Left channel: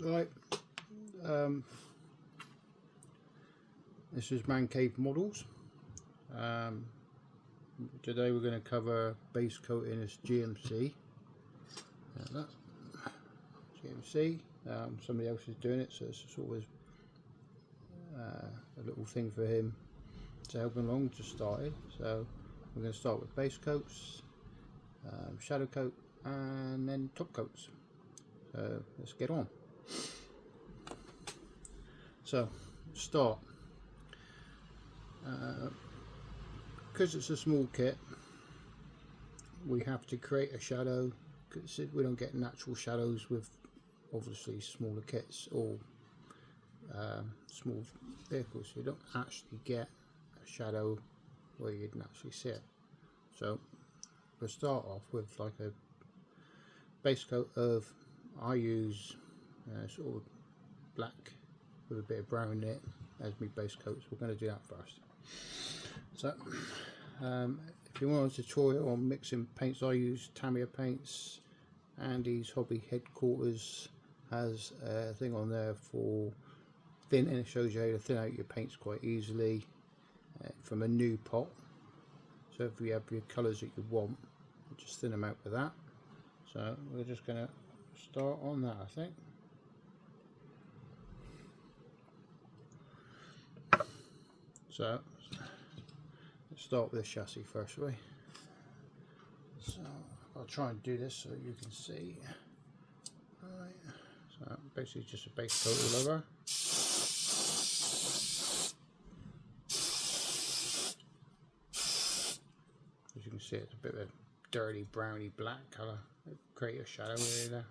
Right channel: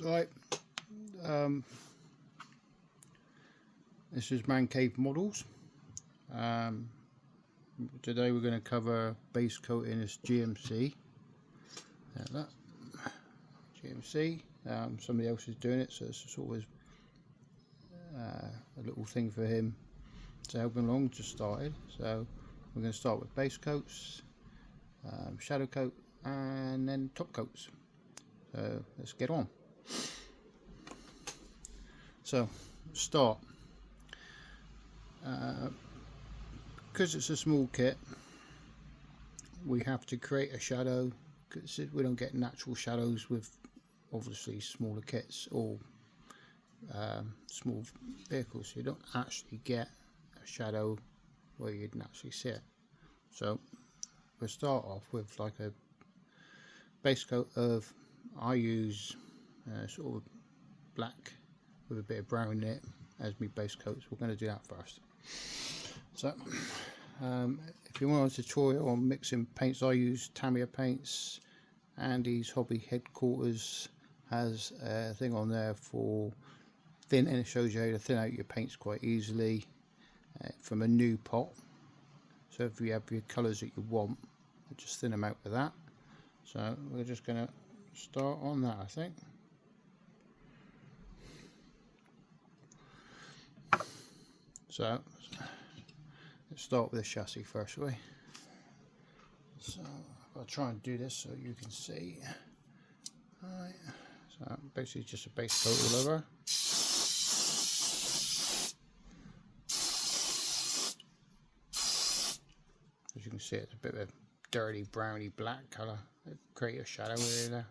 Right, this is Man Cave Models. Today we're going to cover base coat in this GMC. That GMC. Somebody else is doing it, so it's sort of a little thing for him to help him along. Just started, so we're going to start with base coats, shadow coat, and then top coats. So let's get on. So start. Because it's a small kit, we have to create a shadow, because we don't get natural shadows with obviously smaller kits or small vehicles. You don't actually get a shadow where you'd naturally see it. So we'll start off with like a base coat of, I use sort of black with a bit of brown in it as my base coats. We're going to do that first. So if you want a tutorial on mixing paints, I use Tamiya paints. Andy's Hobby Headquarters has a thing on there for thin, and it shows you how to thin out your paints quite easily from a new pot. So if you have your colours that you want, just thin them out with that. So we're just going to start on that, I think. So let's start with the chassis first, shall we? So I'll try and do this so you can see. Right. So basically just a base coat all over. As you can see, it's a bit of a dirty browny black colour. Create a shadow area there.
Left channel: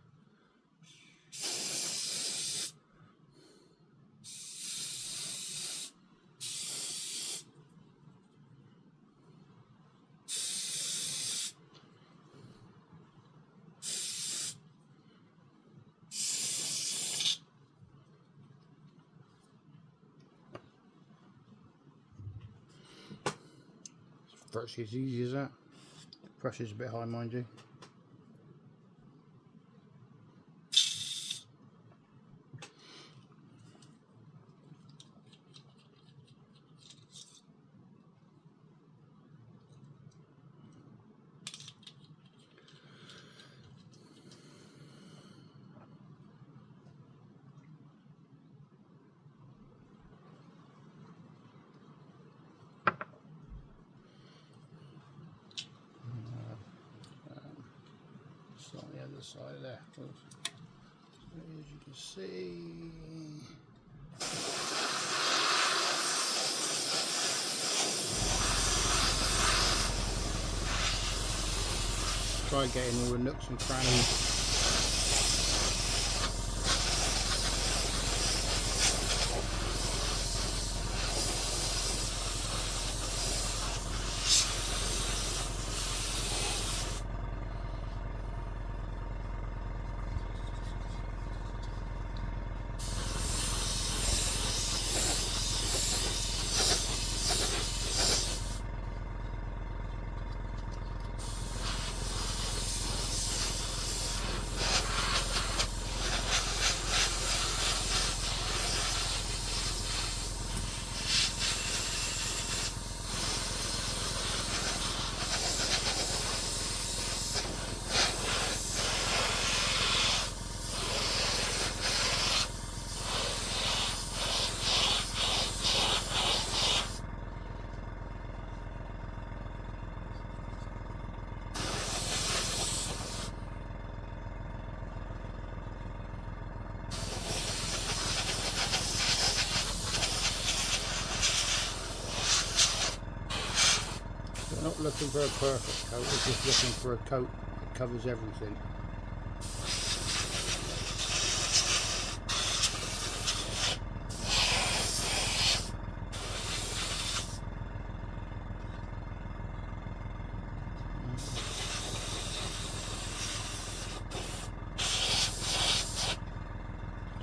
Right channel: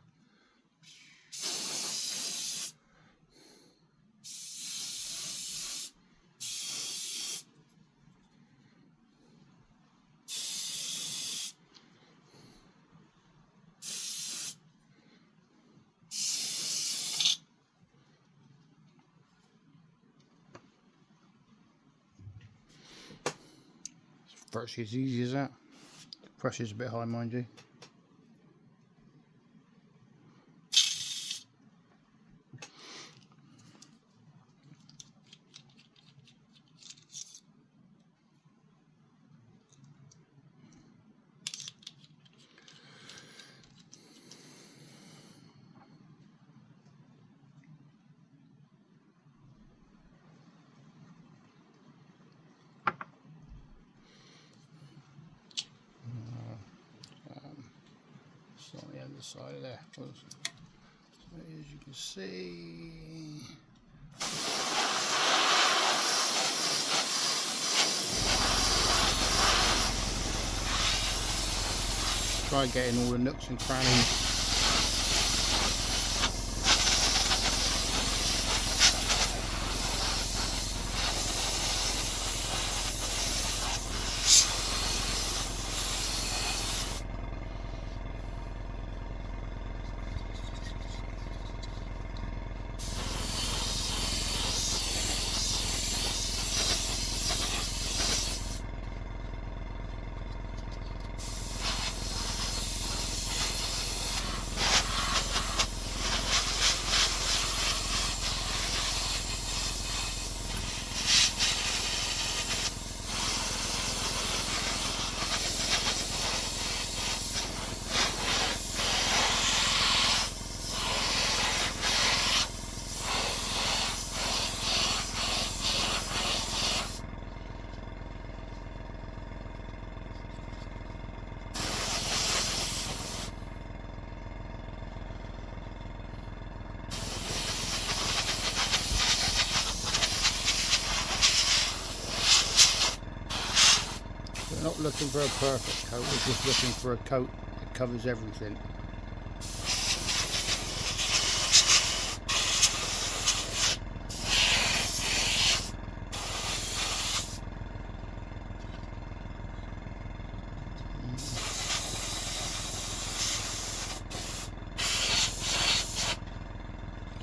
Virtually as easy as that. The pressure's a bit high, mind you. Slightly on the side of there. So as you can see, try getting all the nooks and crannies. Not looking for a perfect coat, we're just looking for a coat that covers everything.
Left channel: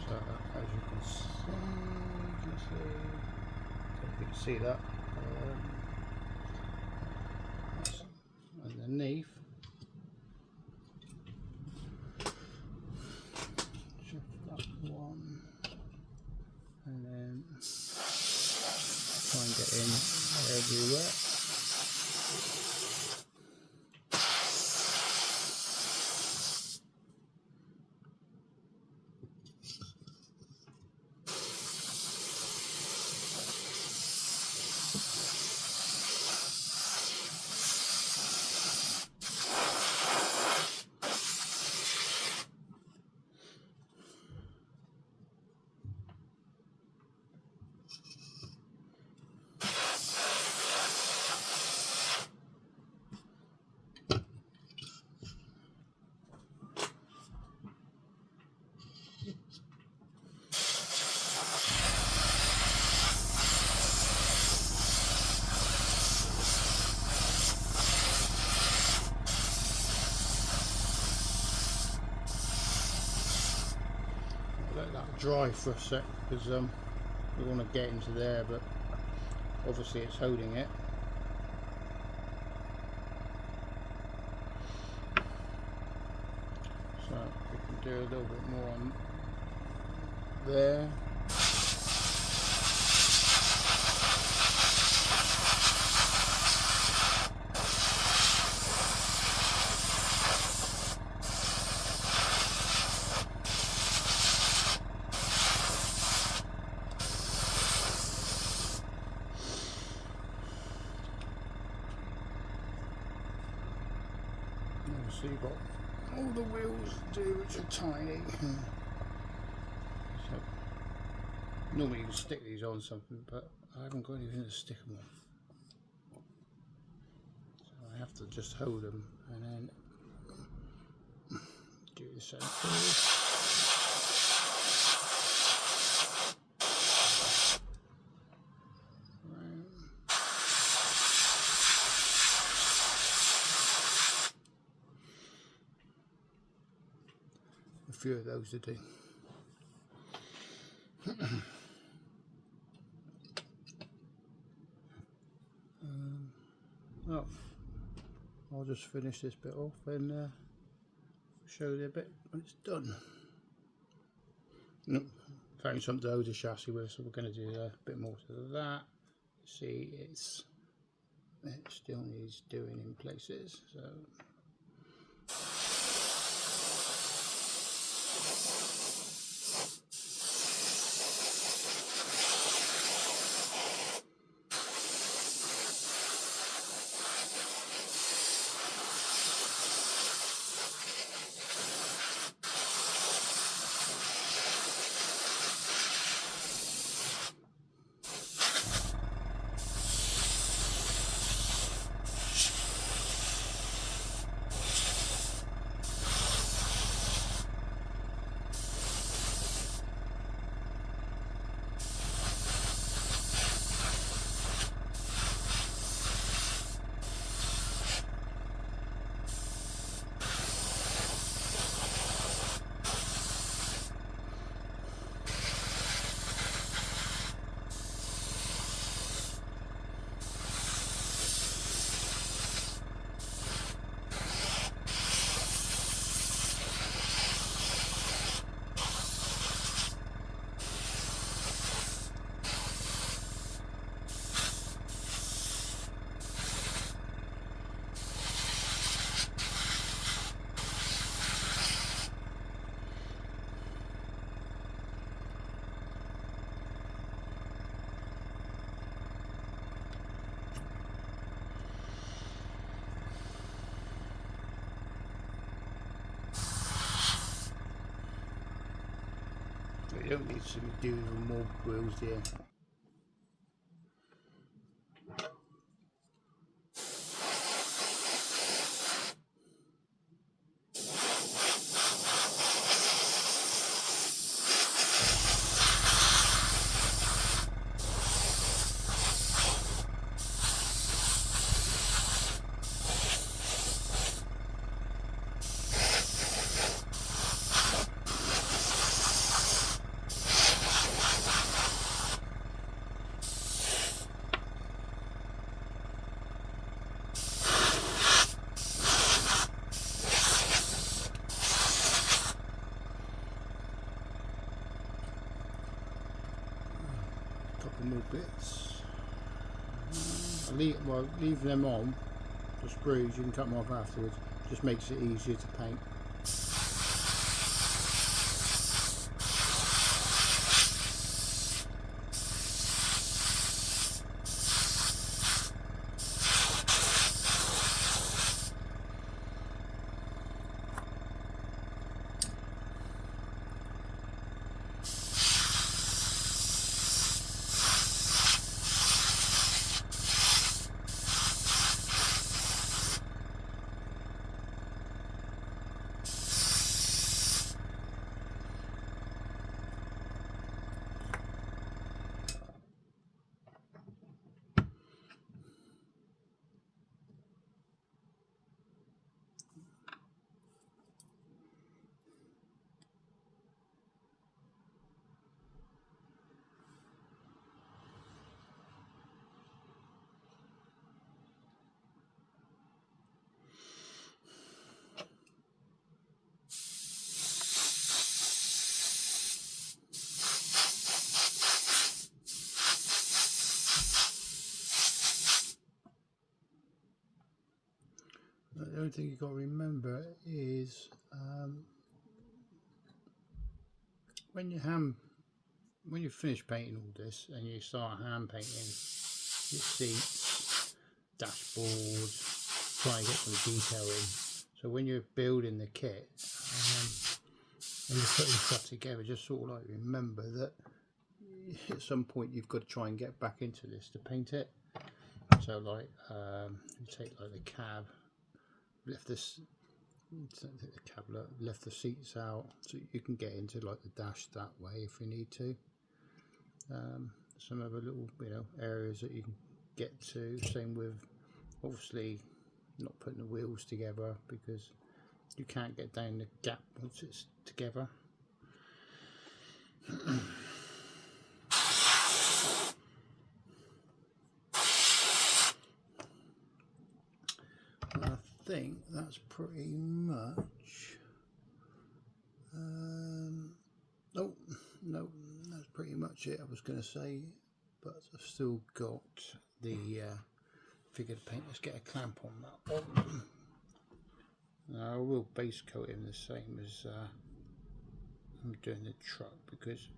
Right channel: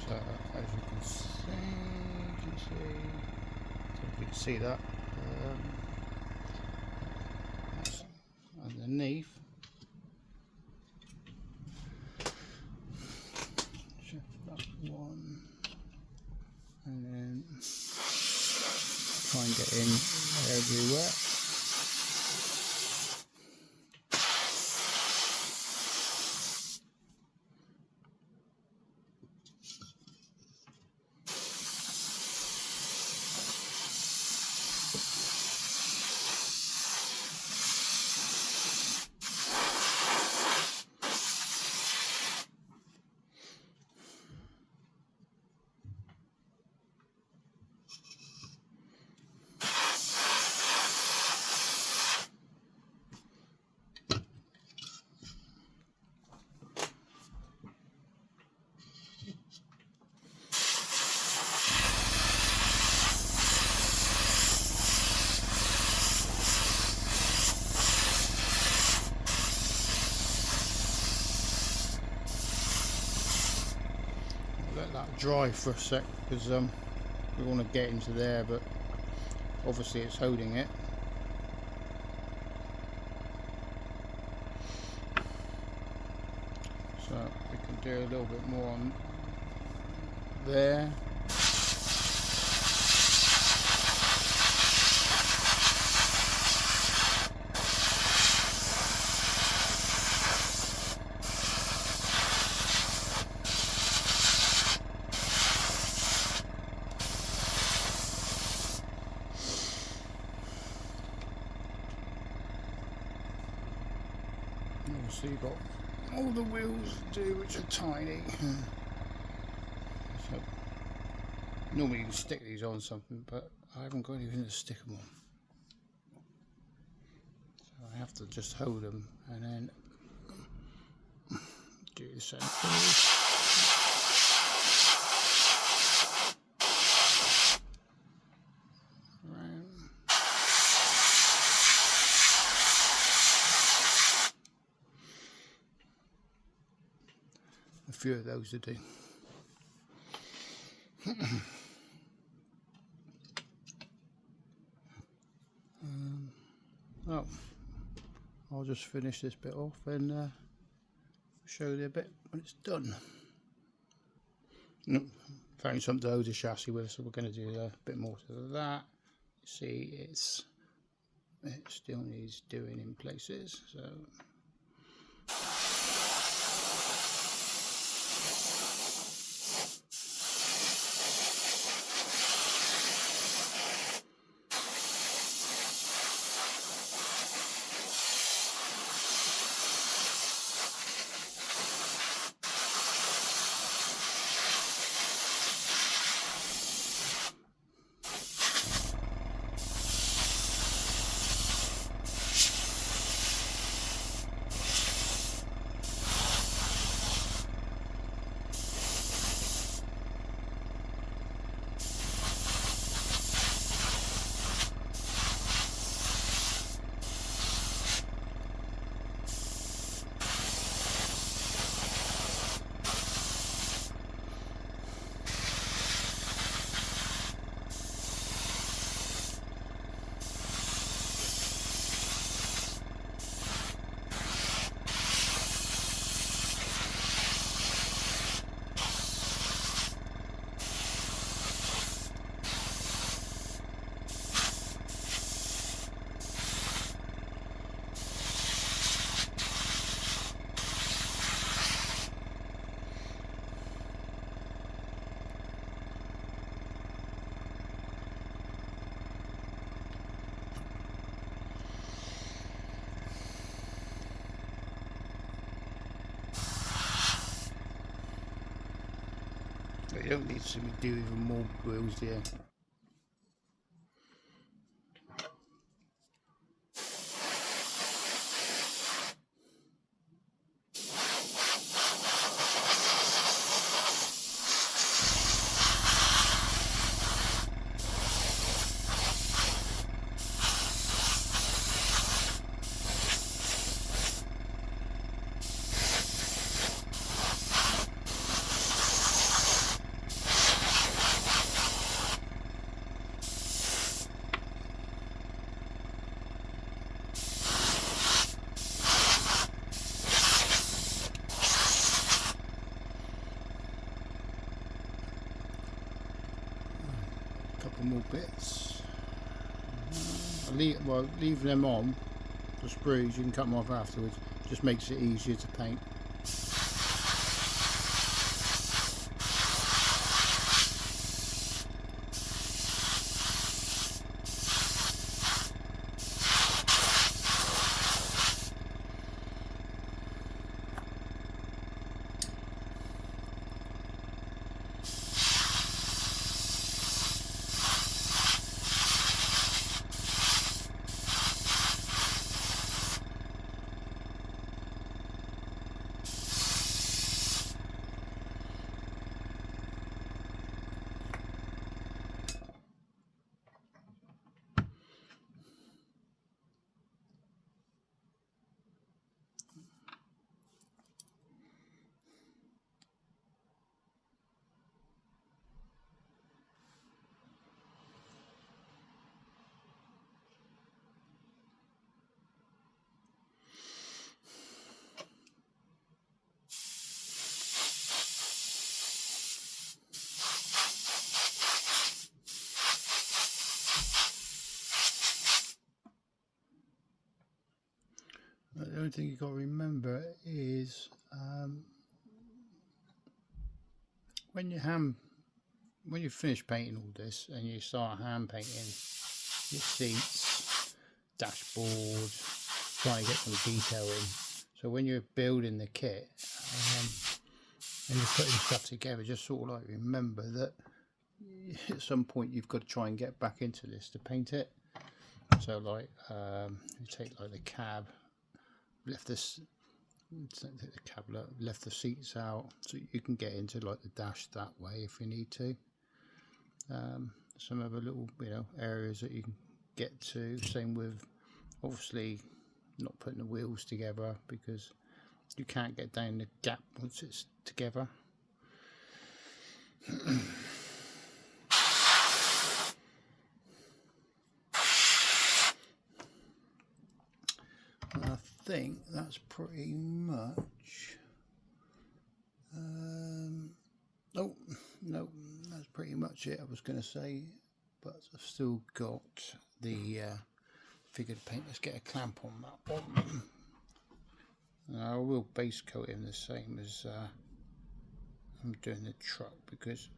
So as you can see that. Underneath, shift that one. getting everywhere. Dry for a sec because you want to get into there, but obviously it's holding it. So we can do a little bit more on there. So you've got all the wheels to do, which are tiny. So normally you can stick these on something, but I haven't got anything to stick them on. So I have to just hold them and then do the same thing. A few of those to do. Well, I'll just finish this bit off and show you a bit when it's done. Found something to hold the chassis with, so we're going to do a bit more to that. See, it still needs doing in places, so. You don't need to do even more wheels here. More bits. leaving them on, the screws, you can cut them off afterwards, just makes it easier to paint. The only thing you've got to remember is when you finish painting all this and you start hand painting your seats, dashboard, trying to get some detail in. So when you're building the kit and you're putting stuff together, just sort of like remember that at some point you've got to try and get back into this to paint it. So like you take like the cab, lift this, lift the seats out so you can get into like the dash that way if you need to. Some other little areas that you can get to. Same with obviously not putting the wheels together because you can't get down the gap once it's together. I think that's pretty much no, that's pretty much it I was going to say, but I've still got the figure to paint. Let's get a clamp on that one. Now I will base coat him the same as I'm doing the truck because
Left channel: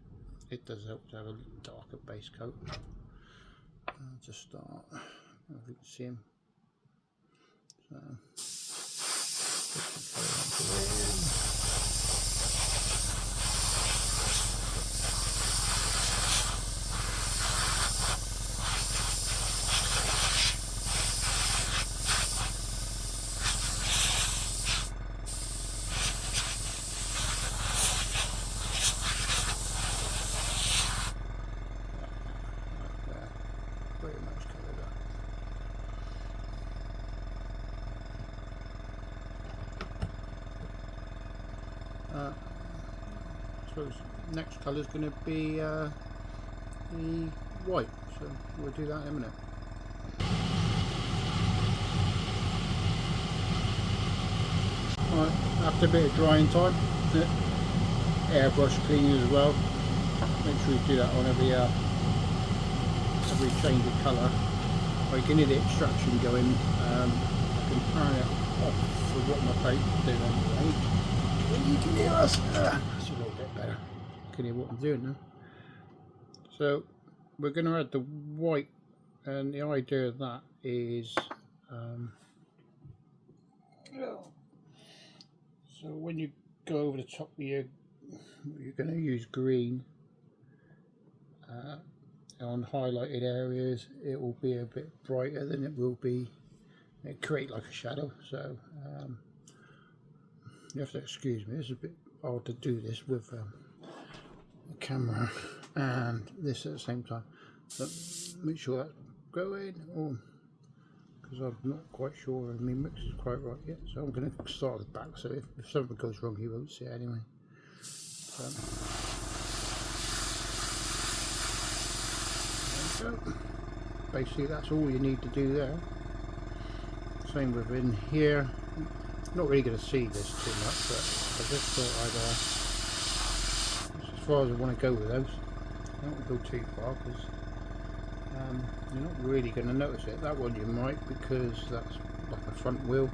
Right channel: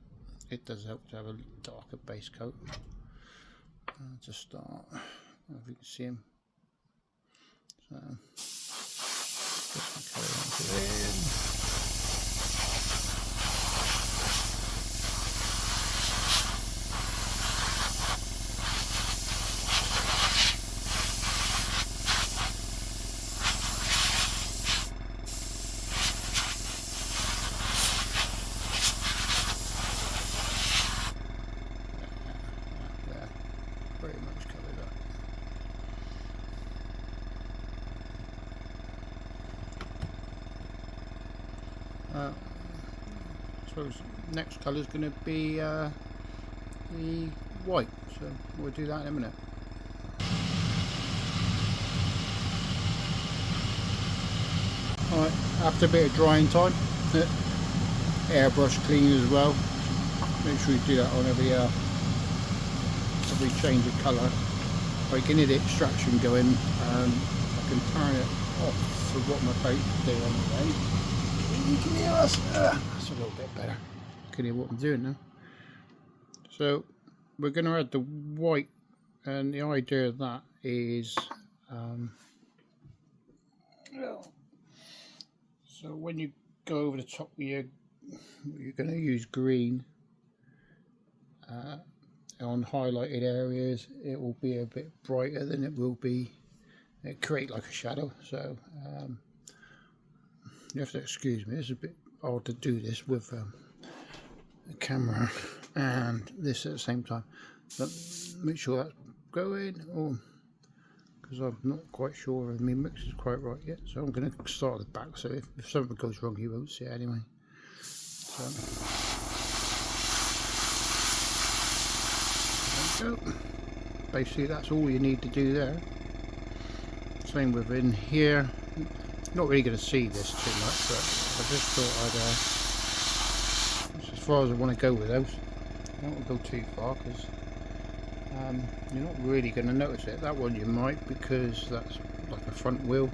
it does help to have a darker base coat. To start, if you can see him. So next colour is going to be the white, so we'll do that in a minute. After a bit of drying time, the airbrush clean as well. Make sure you do that whenever every change of colour. So you can hear the extraction going. You can turn it off for what my plate is doing. You can hear us. That's a little bit better. You can hear what I'm doing now. So we're going to add the white, and the idea of that is so when you go over the top of you're going to use green on highlighted areas. It will be a bit brighter than it will be, it create like a shadow. So you have to excuse me, it's a bit odd to do this with the camera and this at the same time, but make sure that's going, because I'm not quite sure if my mix is quite right yet. So I'm going to start at the back, so if something goes wrong you won't see it anyway. So there we go. Basically that's all you need to do there. Same within here. Not really going to see this too much, but I just thought that's as far as I want to go with those. I don't want to go too far because You're not really going to notice it. That one you might, because that's like a front wheel.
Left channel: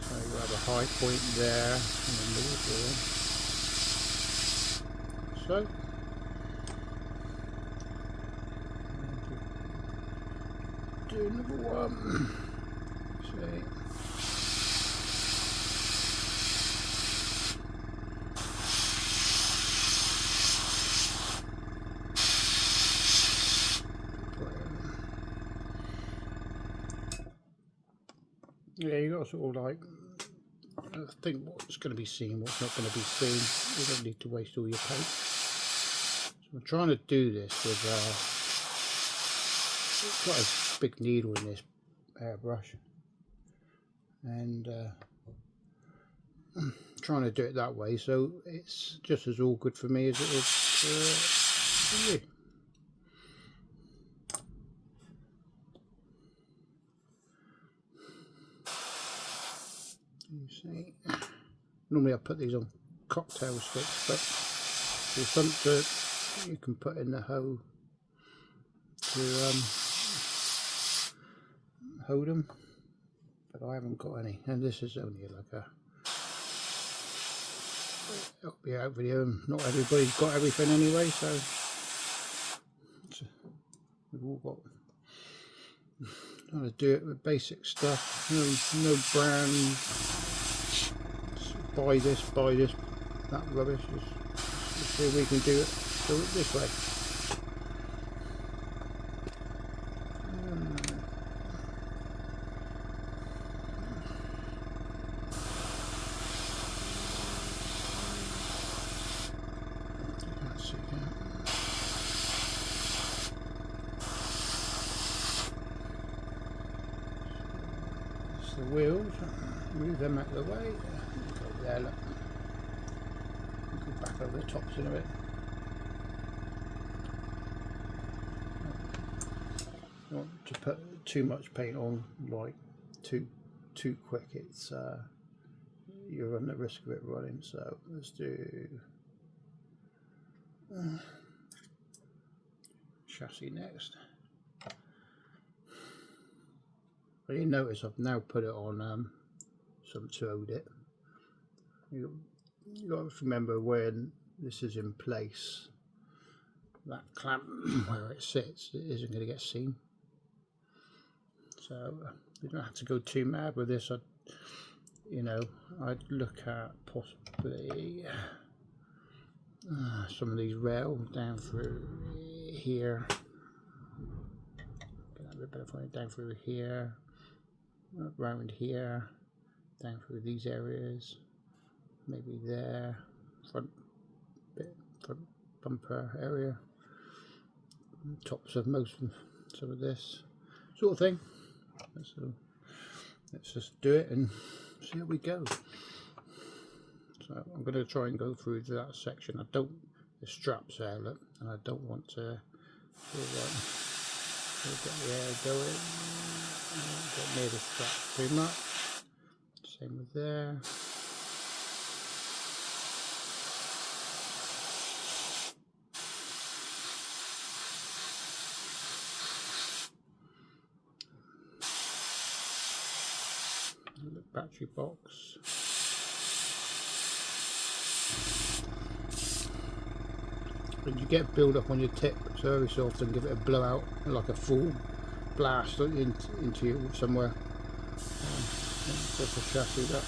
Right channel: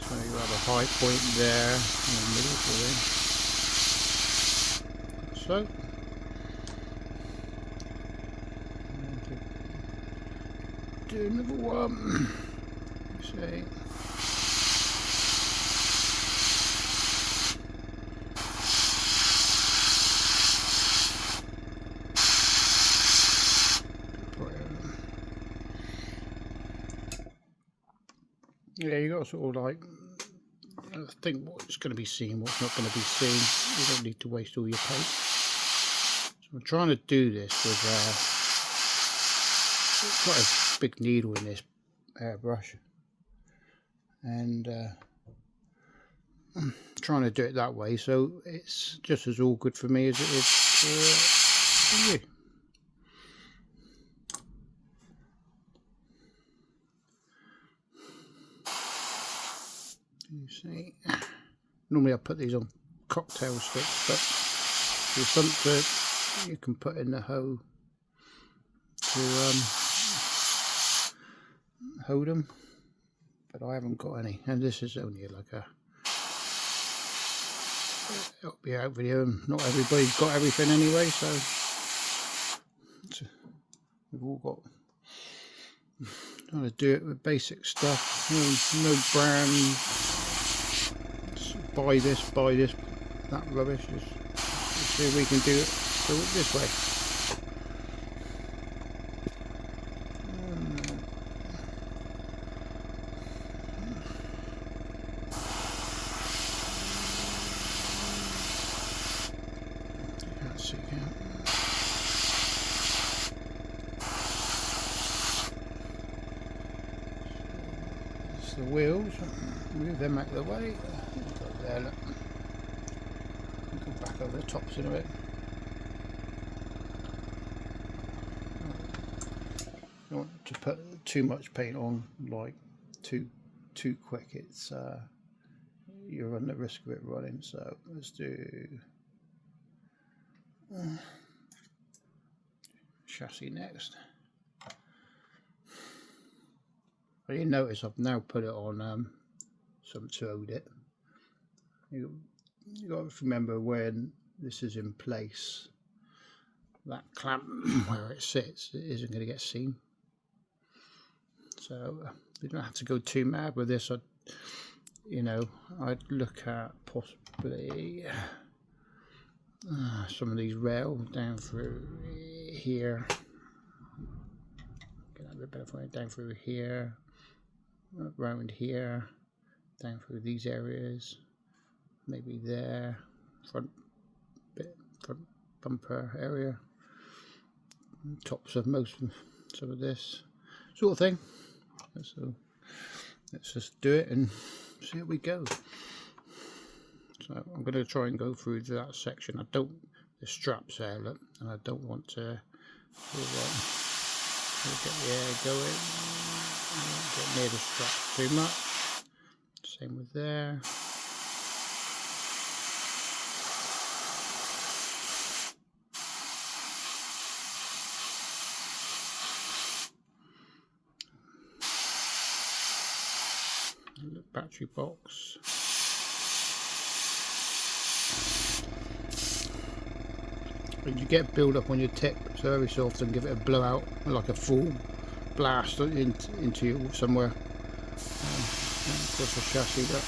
So you have a high point there in the middle. So do another one. See. Yeah, you got to sort of like think what's going to be seen, what's not going to be seen. You don't need to waste all your paint. So I'm trying to do this with quite a big needle in this airbrush, and I'm trying to do it that way so it's just as all good for me as it is for you. You see, normally I put these on cocktail sticks, but there's something you can put in the hoe to hold them, but I haven't got any, and this is only like a help you out video, and not everybody's got everything anyway, so we've all got. Trying to do it with basic stuff, no brands, buy this, that rubbish. Let's see if we can do it this way. Let's see again. The wheels, move them out of the way. Go there, look. Go back over the tops in a bit. Not to put too much paint on, like too quick. It's you run the risk of it running. So let's do chassis next. But you notice I've now put it on something to hold it. You got to remember when this is in place, that clamp where it sits, it isn't going to get seen. So you don't have to go too mad with this. I'd look at possibly some of these rails down through here. Get a bit better for it, down through here. Around here, down through these areas, maybe there, front bumper area, tops of some of this sort of thing. So let's just do it and see how we go. So I'm going to try and go through that section. The straps there, look, and I don't want to get the air going, get near the straps too much. Same with there. The battery box. And you get build up on your tip, so every so often give it a blowout, like a full blast into you somewhere. Just a chassis that.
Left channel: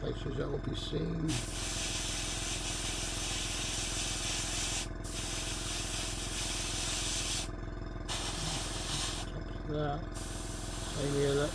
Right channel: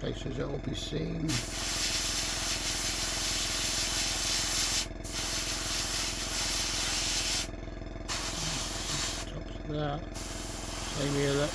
Places that will be seen. Tops of that. Same here, look.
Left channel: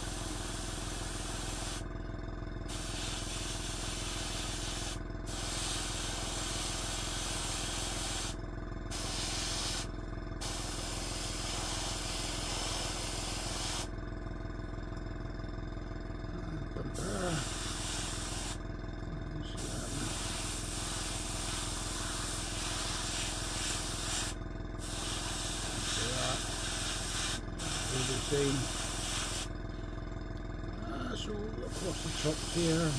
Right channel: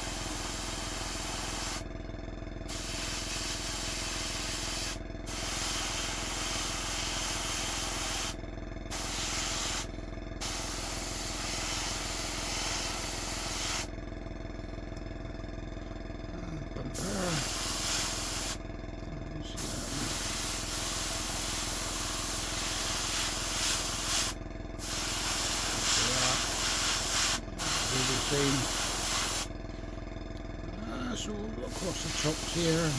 That's all across the tops here.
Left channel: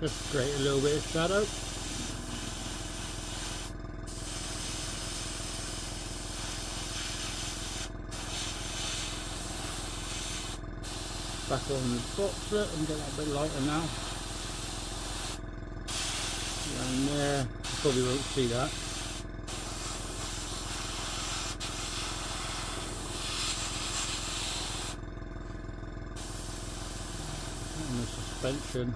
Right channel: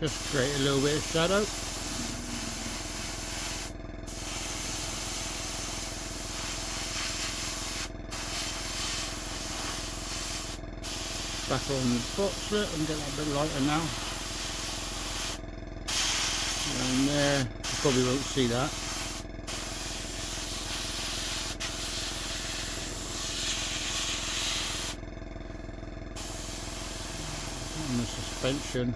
just create a little bit of shadow. Back on the box it and get it a bit lighter now. And there, you probably won't see that. And the suspension.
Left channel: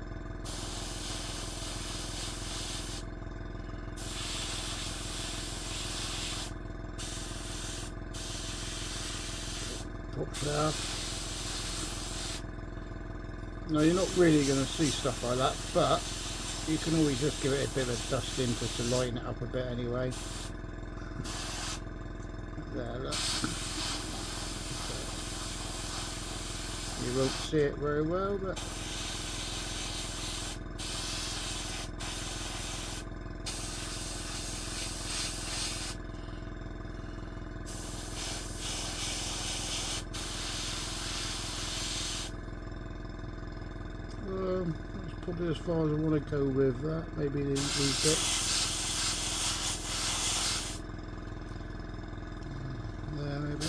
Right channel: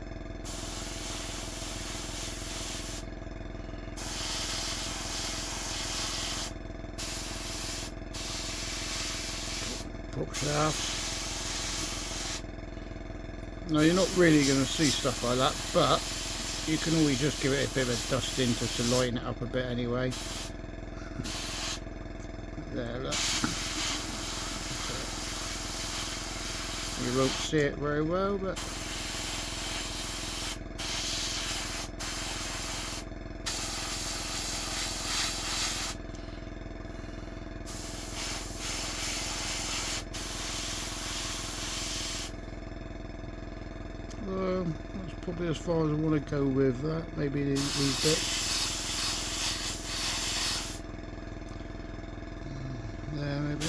Prop shaft. Now you're not really going to see stuff like that, but you can always just give it a bit of a dusting just to lighten it up a bit anyway. There, look. You won't see it very well, but that's probably as far as I want to go with that. Maybe these bits. There, maybe.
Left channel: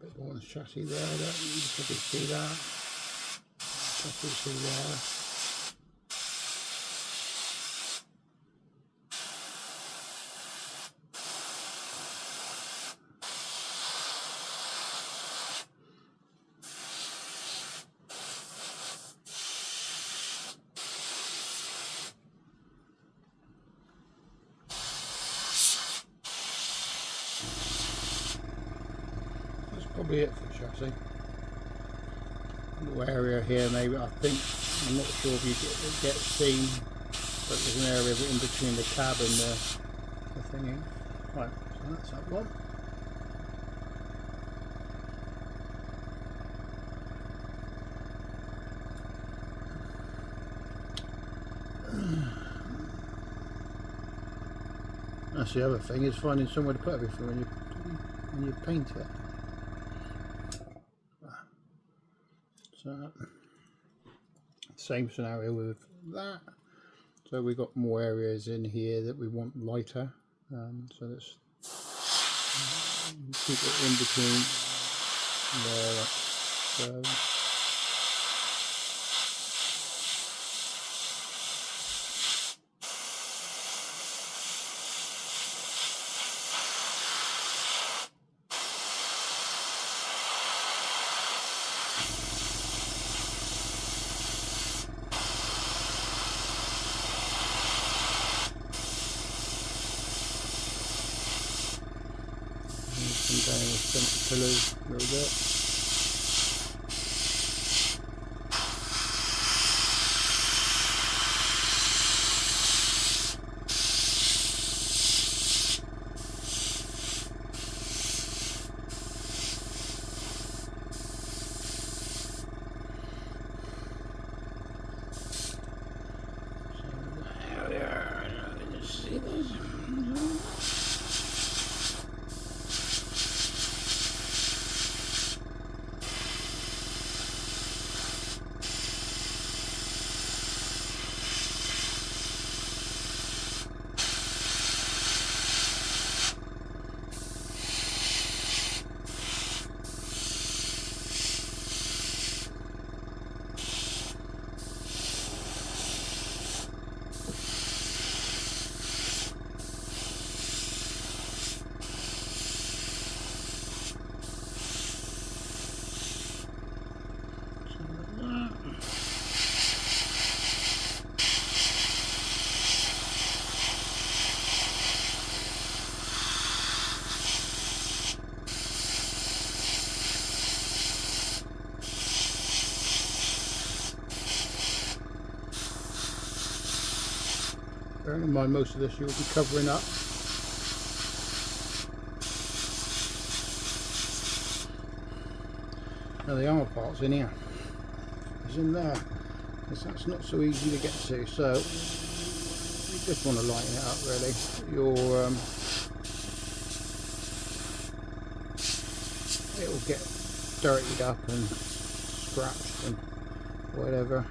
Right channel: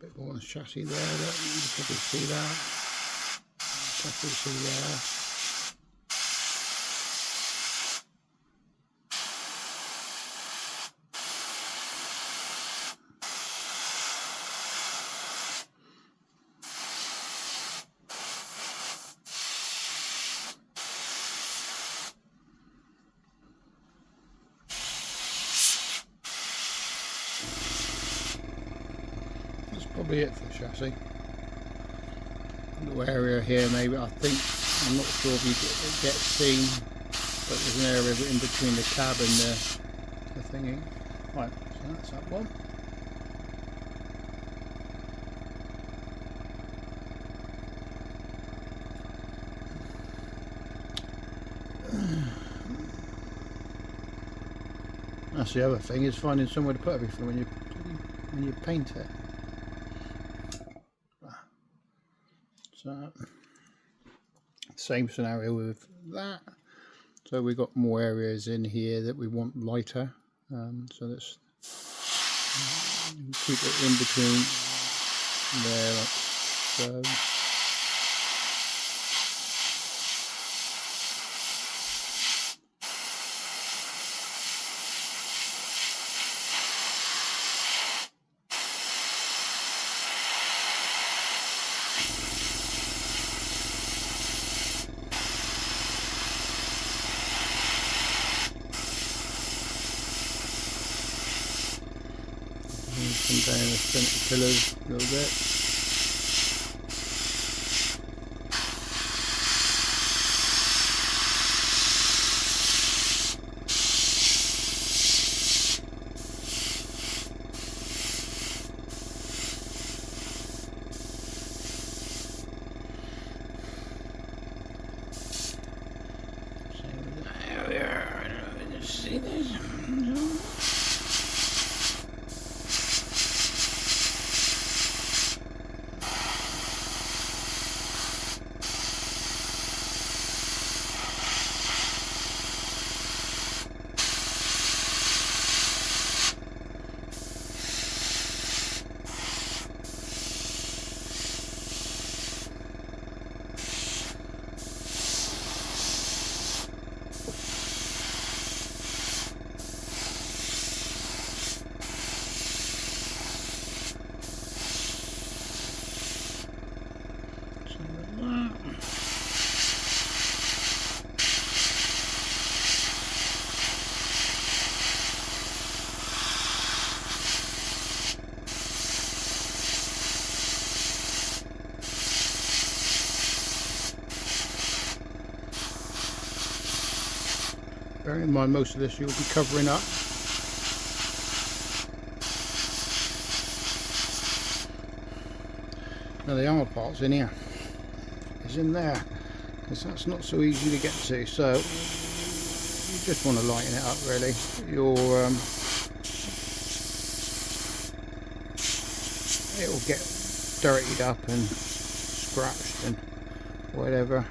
Bit more on the chassis there, you can probably see that. Definitely see there. Probably it for the chassis. Little area here, maybe. I'm not sure if it gets seen, but there's an area in between the cab and the thingy. Right, so that's that one. That's the other thing, is finding somewhere to put everything when you paint it. So, same scenario with that. So we've got more areas in here that we want lighter. So let's keep it in between there, like so. Come down the centre pillars a little bit. So there, see this? Bearing in mind most of this you'll be covering up. Now the armour part's in here. threads in there, because that's not so easy to get to. So you just want to lighten it up really. It'll get dirtied up and scratched and whatever.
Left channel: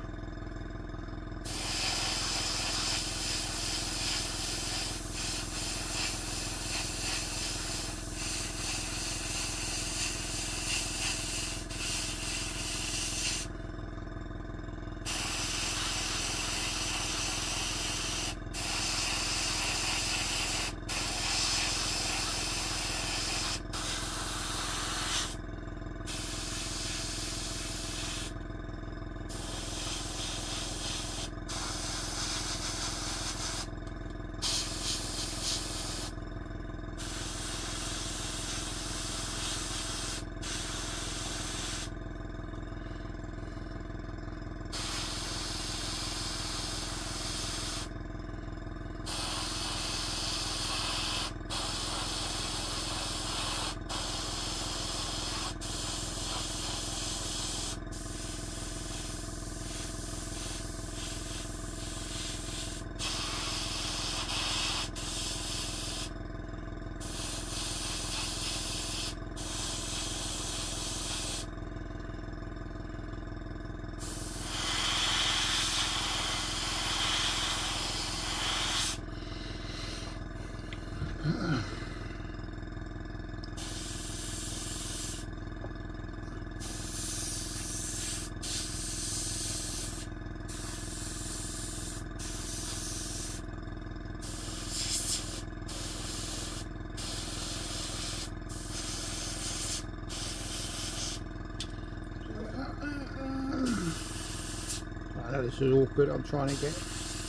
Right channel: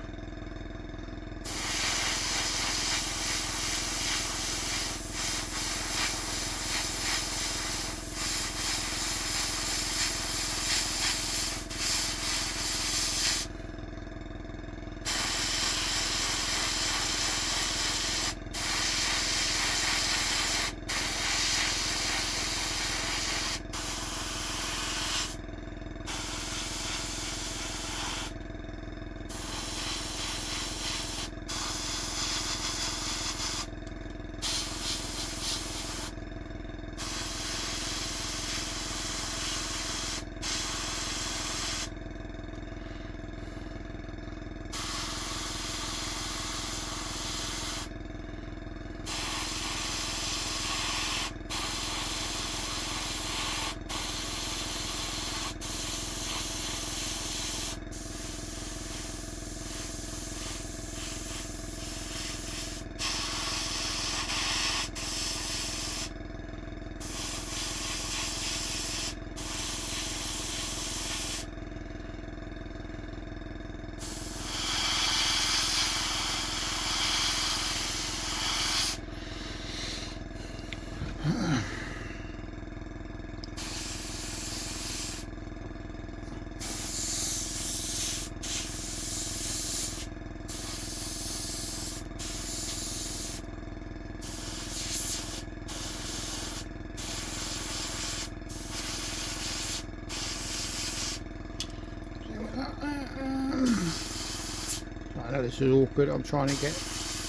I know this is awkward. I'm trying to get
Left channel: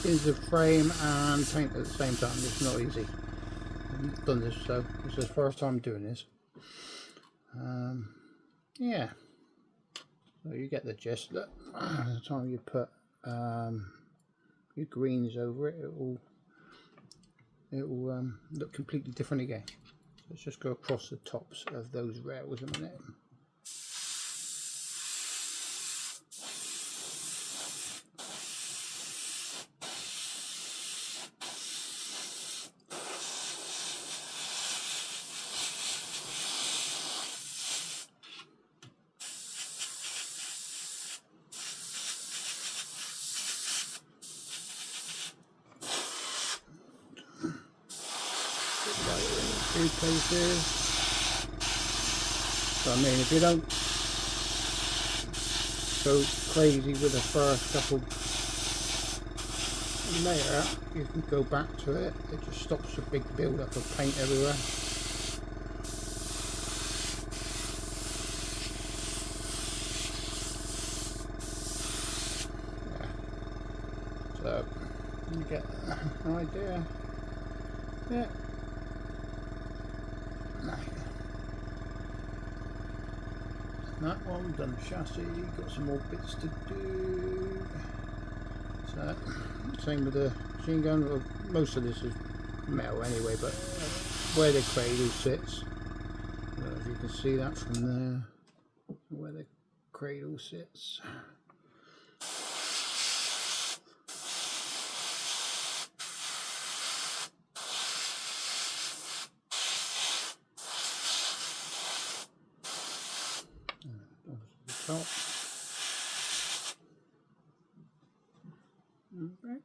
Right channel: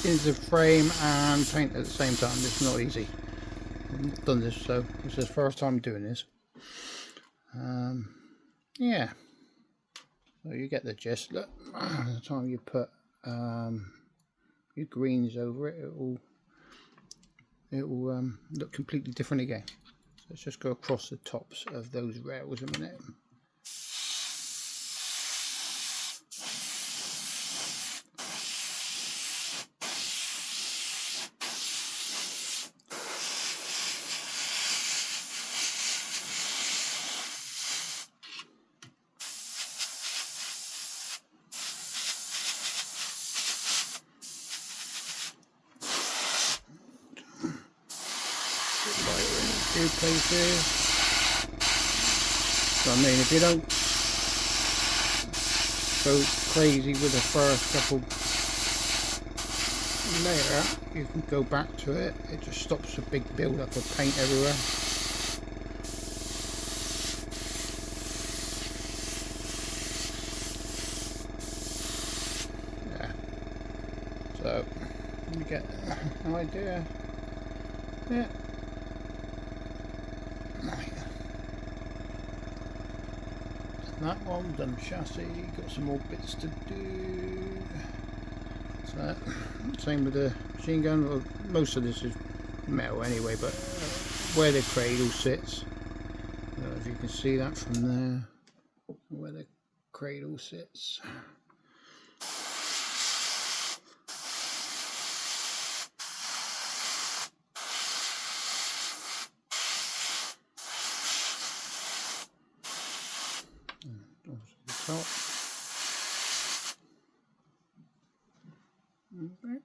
into the frame and paint at the same time. It's not easy. I've done this, so this is the first time doing this. Yeah, so you get the gist. Look, by the time you put your greens over it, it will look completely different again. So let's just go across the tops of those rails a minute. Few places. So I mean, if you don't go crazy with the first couple layer, you can go back to it. It just stops the big build up of paint everywhere. Yeah. So you get an idea. Yeah. That one, done chassis, got some more bits to do. So, same with the machine gun. Well, most of this is metal anyway, but where the cradle sits, if you can see that from there, where the cradle sits. Top. Right,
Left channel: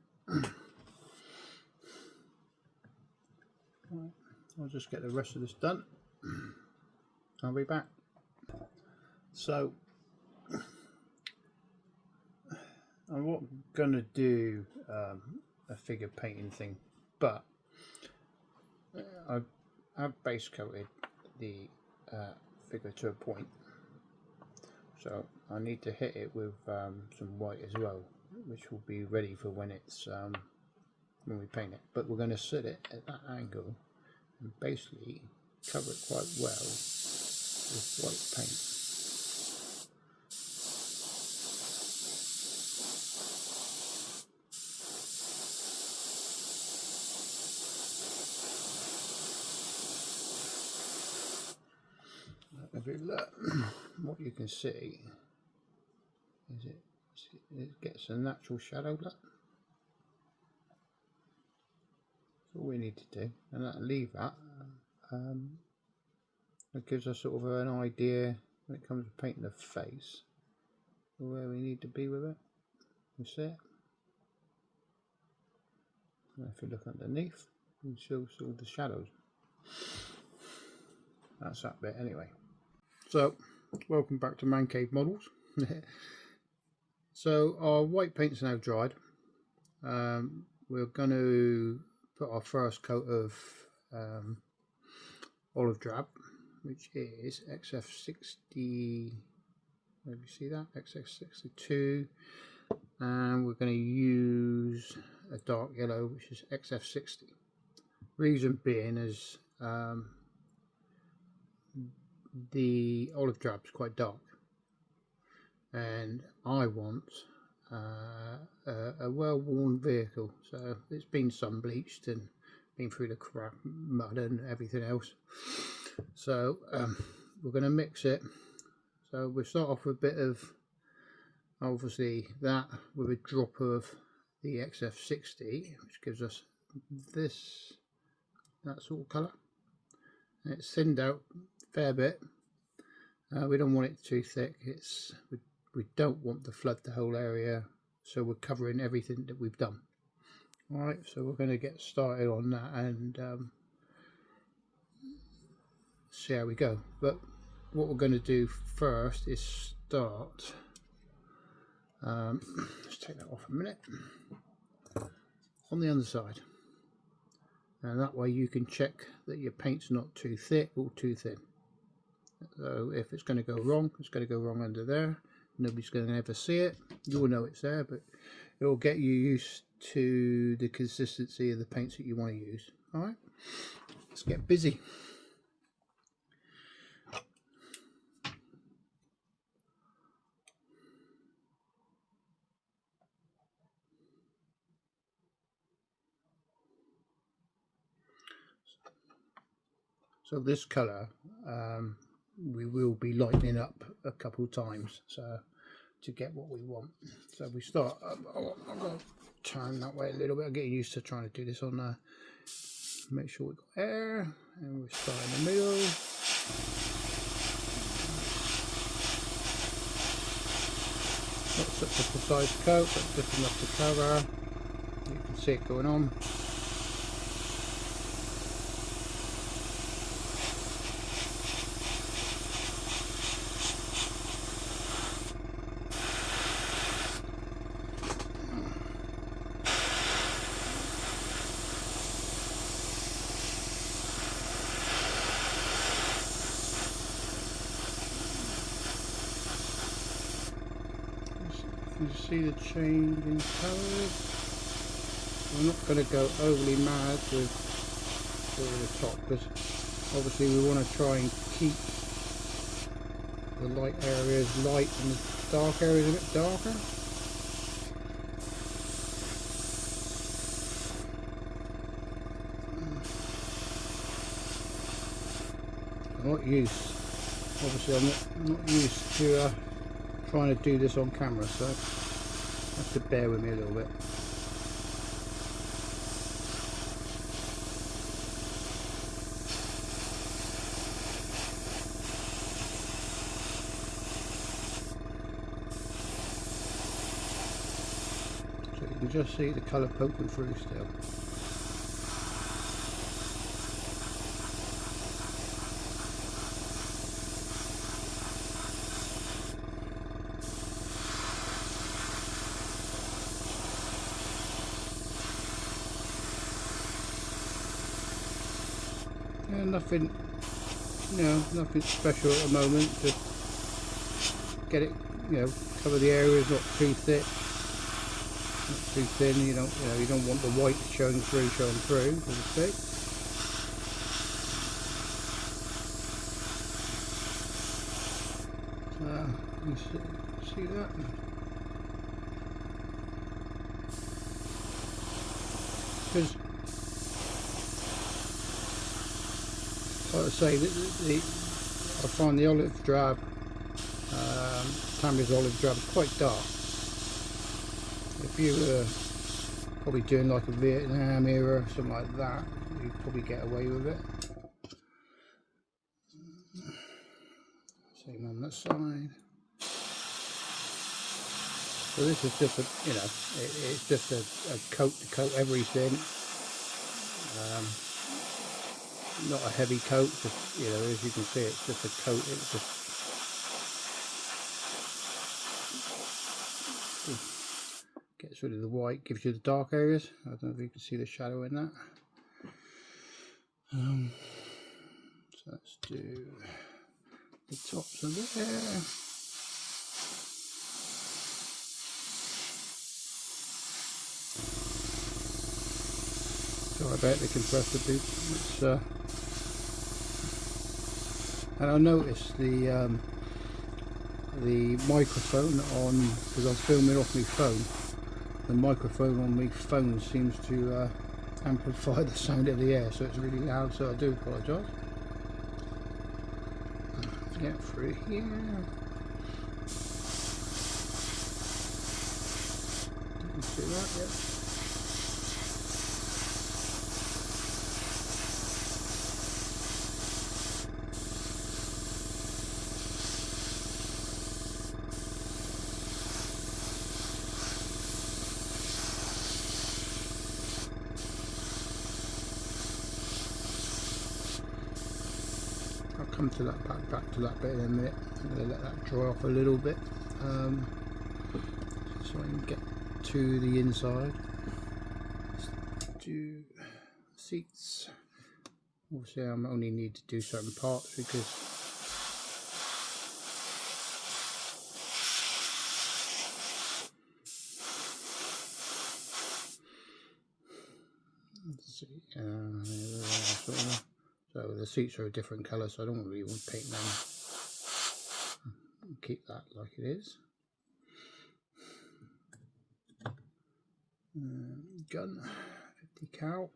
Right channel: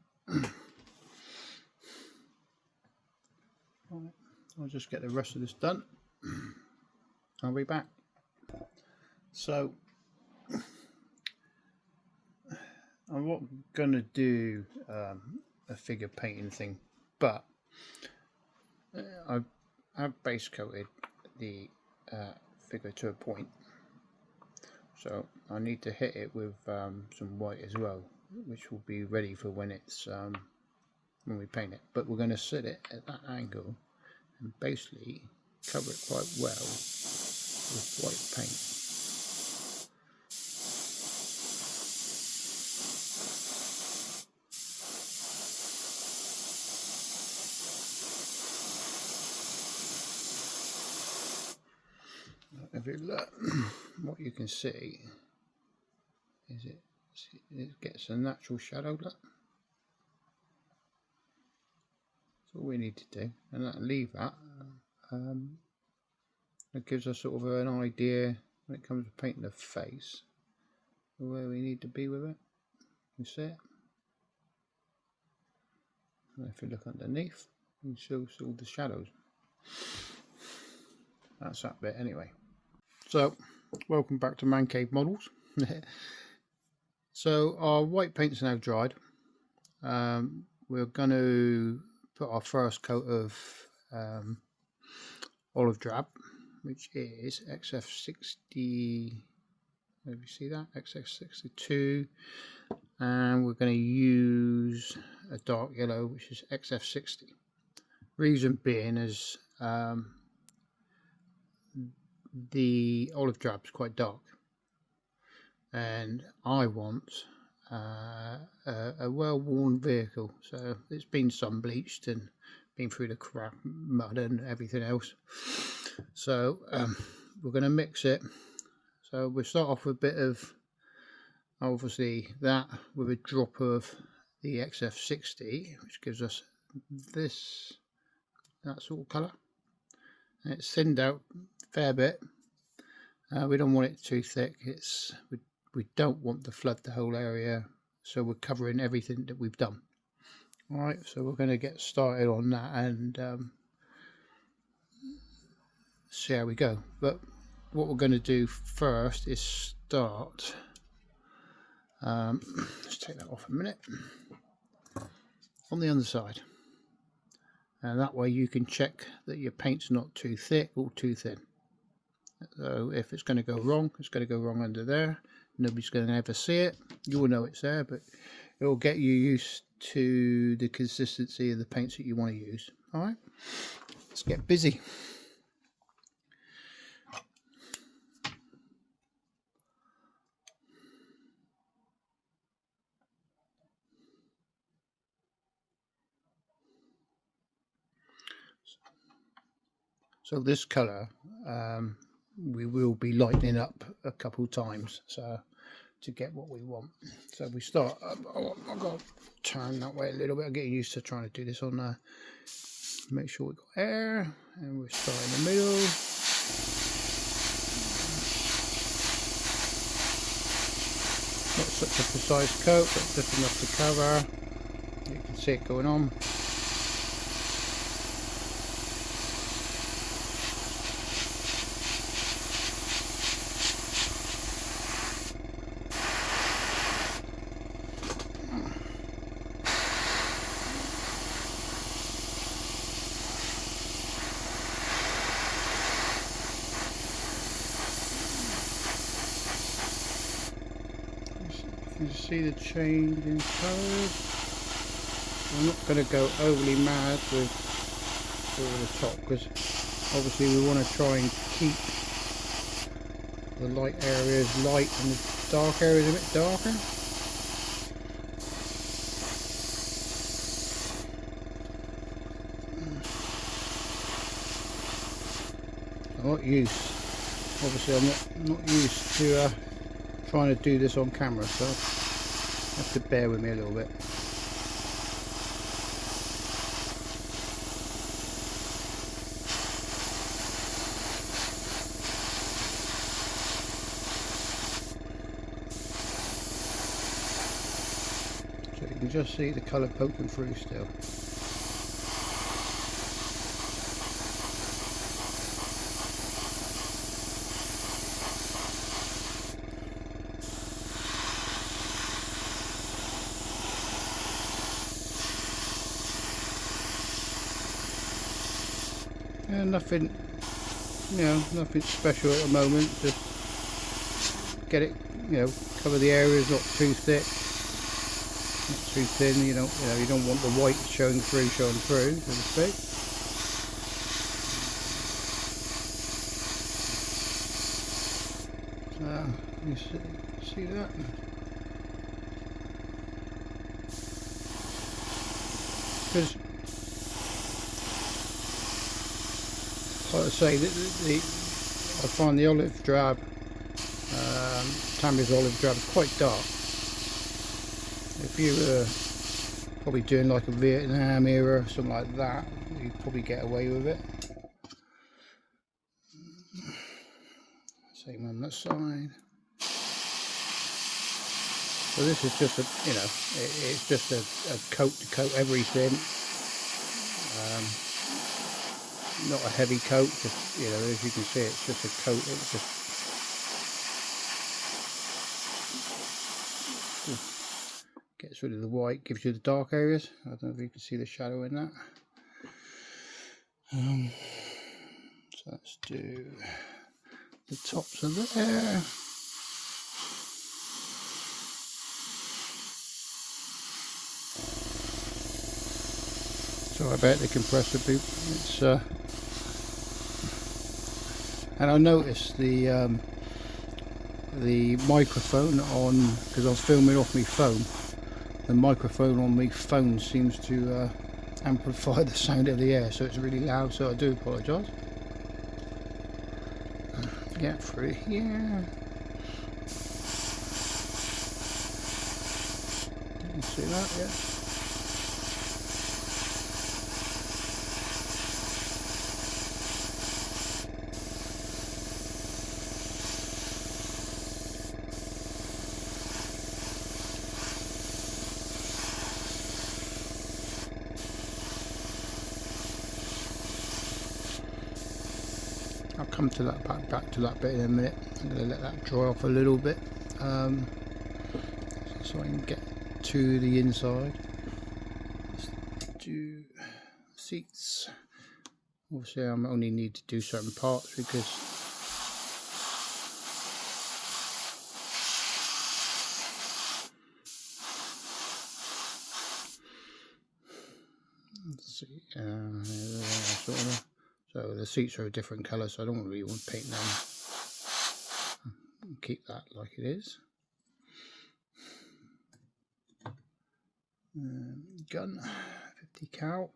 I'll just get the rest of this done. I'll be back. So I'm not gonna do a figure painting thing, but I've base coated the figure to a point. So I need to hit it with some white as well, which will be ready for when it's when we paint it. But we're going to set it at that angle and basically cover it quite well with white paint. If you look, what you can see is it it gets a natural shadow look. That's all we need to do, and leave that. It gives us sort of an idea when it comes to painting the face where we need to be with it. You see it? And if you look underneath, you see all the shadows. That's that bit anyway. So, welcome back to Man Cave Models. So our white paint's now dried. We're going to put our first coat of olive drab, which is XF60. Maybe you see that? XF62. And we're going to use a dark yellow, which is XF60. Reason being is the olive drab is quite dark, and I want a well-worn vehicle, so it's been sun bleached and been through the crap, mud and everything else. So we're going to mix it. So we'll start off with a bit of obviously that with a drop of the XF60, which gives us that sort of colour. And it's thinned out a fair bit. We don't want it too thick. We don't want to flood the whole area, so we're covering everything that we've done. Alright, so we're going to get started on that and see how we go. But what we're going to do first is start, let's take that off a minute, on the underside, and that way you can check that your paint's not too thick or too thin. So if it's going to go wrong, it's going to go wrong under there. Nobody's going to ever see it. You'll know it's there, but it will get you used to the consistency of the paints that you want to use. Alright, let's get busy. So this colour we will be lightening up a couple times to get what we want. So we start, I've got to turn that way a little bit. I'm getting used to trying to do this on make sure we've got air, and we start in the middle. Not such a precise coat, but just enough to cover. You can see it going on. You see the change in colours. I'm not going to go overly mad with the top, because obviously we want to try and keep the light areas light and the dark areas a bit darker. I'm not used, obviously I'm not used to trying to do this on camera, so you have to bear with me a little bit. So you can just see the colour poking through still. Nothing, nothing special at the moment. Just get it, cover the areas, not too thick, not too thin. You don't want the white showing through, so to speak. You see that? Because, like I say, I find the olive drab, Tamiya's olive drab, quite dark. If you were probably doing like a Vietnam era or something like that, you'd probably get away with it. Same on that side. So this is just a, you know, it's just a coat to coat everything. Not a heavy coat, just, you know, as you can see, it's just a coat. It's just gets rid of the white, gives you the dark areas. I don't know if you can see the shadow in that. So let's do the tops of there. Sorry about the compressor beep. It's and I noticed the microphone on, because I'm filming off my phone, the microphone on my phone seems to amplify the sound of the air, so it's really loud, so I do apologise. Get through here. You can see that, yeah. Come to that back to that bit in a minute. I'm going to let that dry off a little bit, so I can get to the inside. Let's do seats. Obviously I only need to do certain parts because let's see, so the seats are a different colour, so I don't really want to paint them. Keep that like it is. Gun, 50 cal.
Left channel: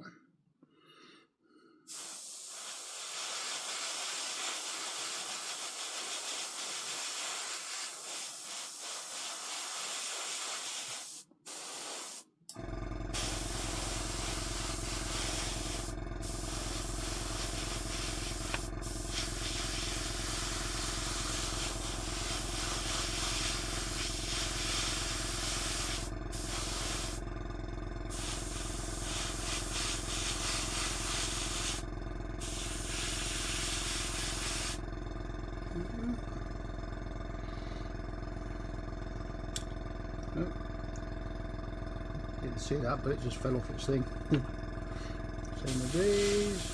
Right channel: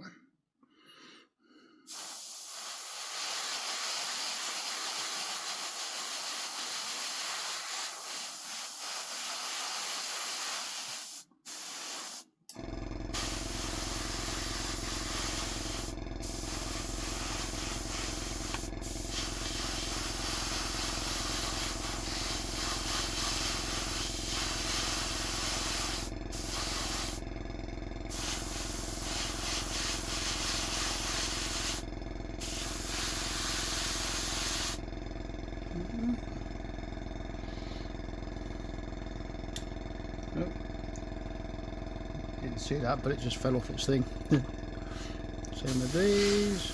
Didn't see that, but it just fell off its thing. Same with these.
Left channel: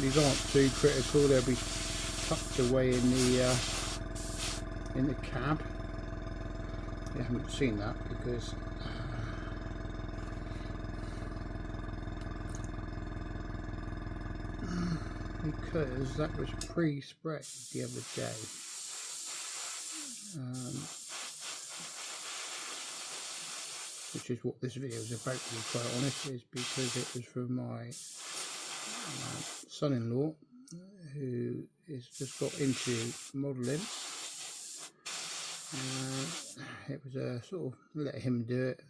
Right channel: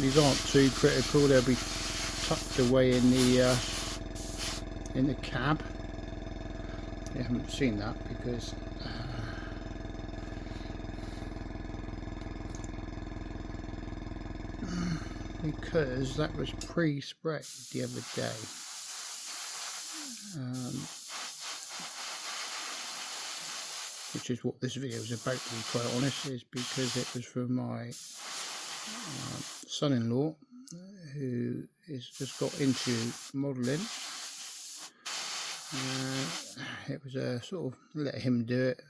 These aren't too critical, they'll be tucked away in the cab. You haven't seen that because that was pre-sprayed the other day. Which is what this video is about, to be quite honest, is because it was from my son-in-law who has just got into modelling. It was a sort of let him do it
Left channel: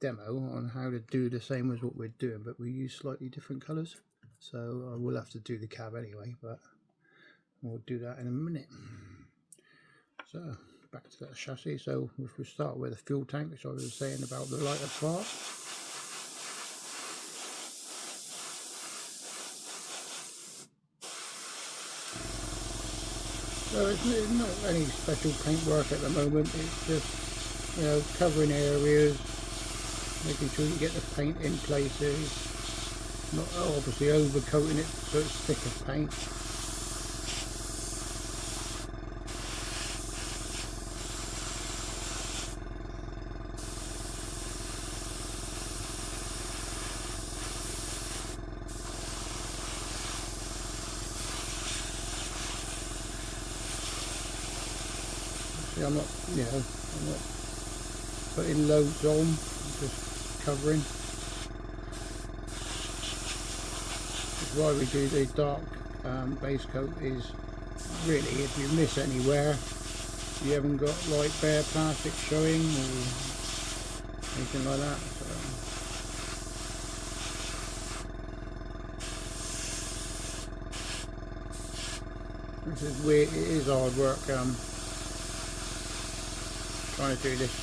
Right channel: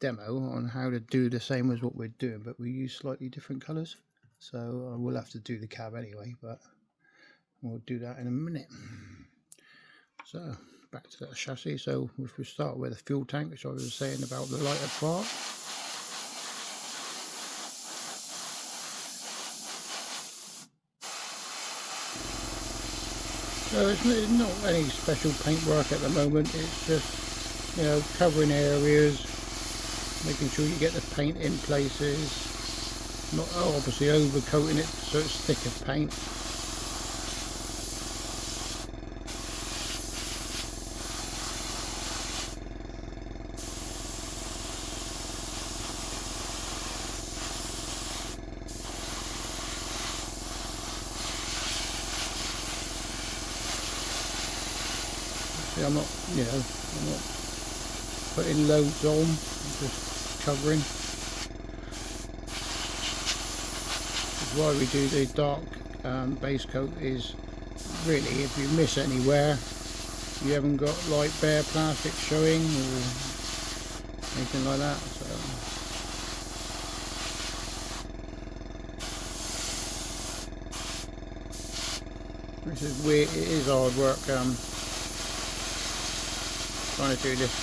demo on how to do the same as what we're doing, but we use slightly different colours. So I will have to do the cab anyway, but we'll do that in a minute. So back to that chassis. So if we start with the fuel tank, which I was saying about the lighter part. So it's not any special paintwork at the moment. It's just, you know, covering areas, making sure you get the paint in places. Not obviously overcoating it so it's thicker paint. See, I'm not putting loads on, I'm just covering. Why we do the dark base coat is really, if you miss anywhere, you haven't got like bare plastic showing or anything like that. So this is weird. It is hard work trying to do this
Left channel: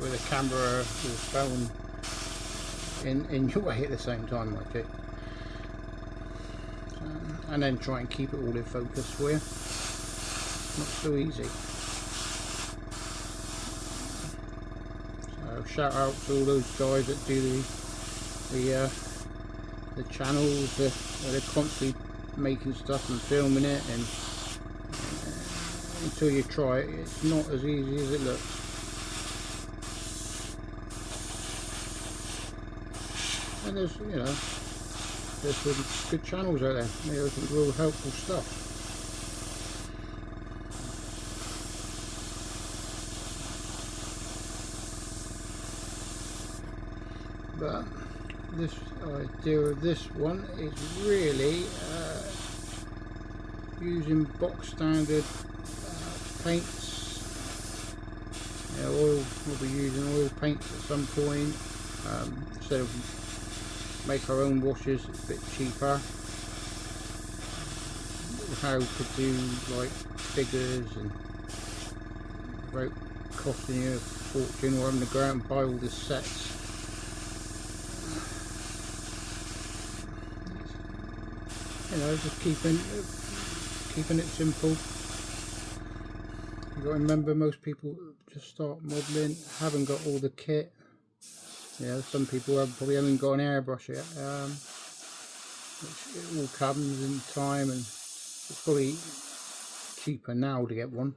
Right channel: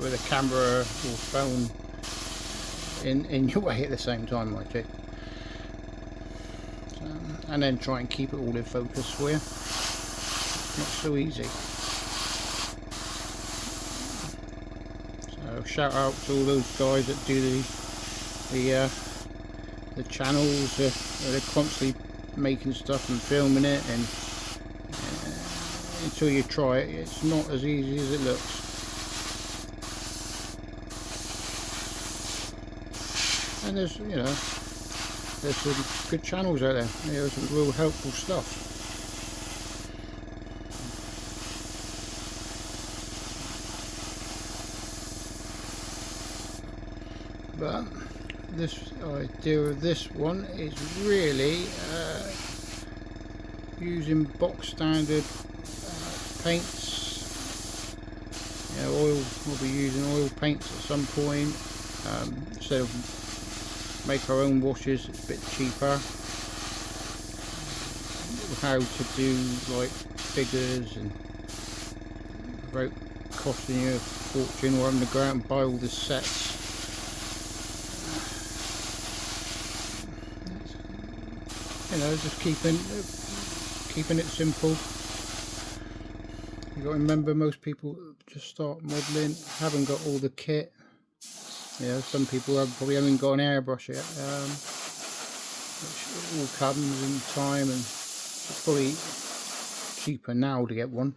with a camera or phone in your way at the same time, like it. And then try and keep it all in focus for you. Not so easy. So shout out to all those guys that do the channels. They're constantly making stuff and filming it, and until you try it, it's not as easy as it looks. And there's, you know, there's some good channels out there. There's some real helpful stuff. But this idea of this one is really using box standard paints. You know, we'll be using oil paints at some point. Instead of make our own washes, it's a bit cheaper. How to do like figures and without costing you a fortune, or having to go out and buy all the sets. You know, just keeping it simple. You've got to remember, most people just start modelling, haven't got all the kit. You know, some people probably haven't got an airbrush yet, which all comes in time, and it's probably cheaper now to get one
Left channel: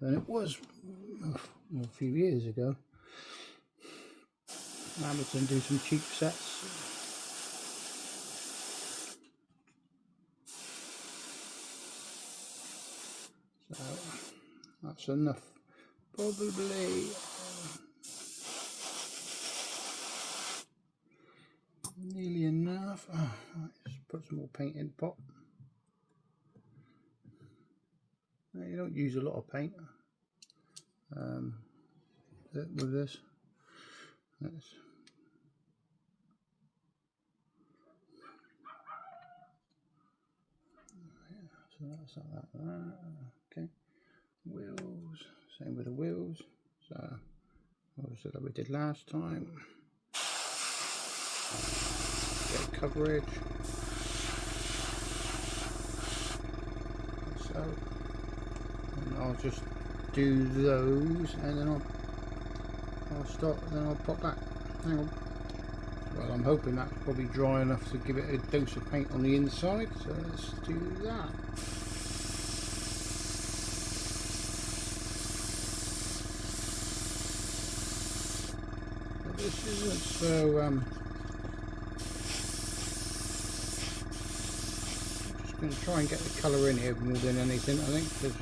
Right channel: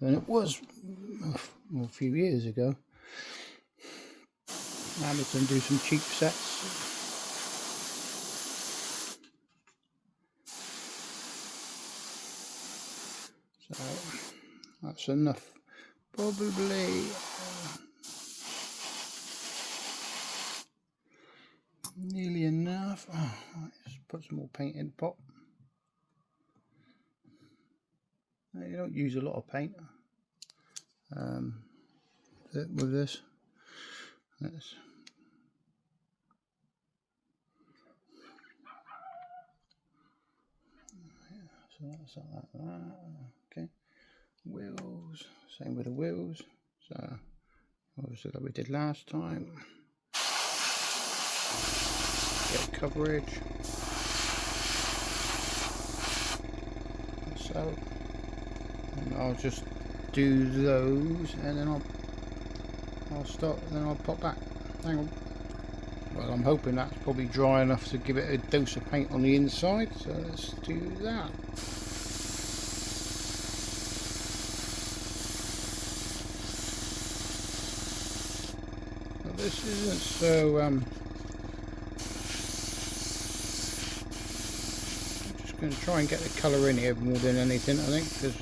than it was a few years ago. Amazon do some cheap sets. So that's enough, probably. Nearly enough. Oh, let's put some more paint in the pot. You don't use a lot of paint with this. So that's like that. Okay. Wheels. Same with the wheels. So obviously that we did last time. Get coverage. So, and I'll just do those, and then I'll stop, and then I'll pop back. Hang on. Well, I'm hoping that's probably dry enough to give it a dose of paint on the inside, so let's do that. But this isn't so I'm just going to try and get the colour in here more than anything, I think, because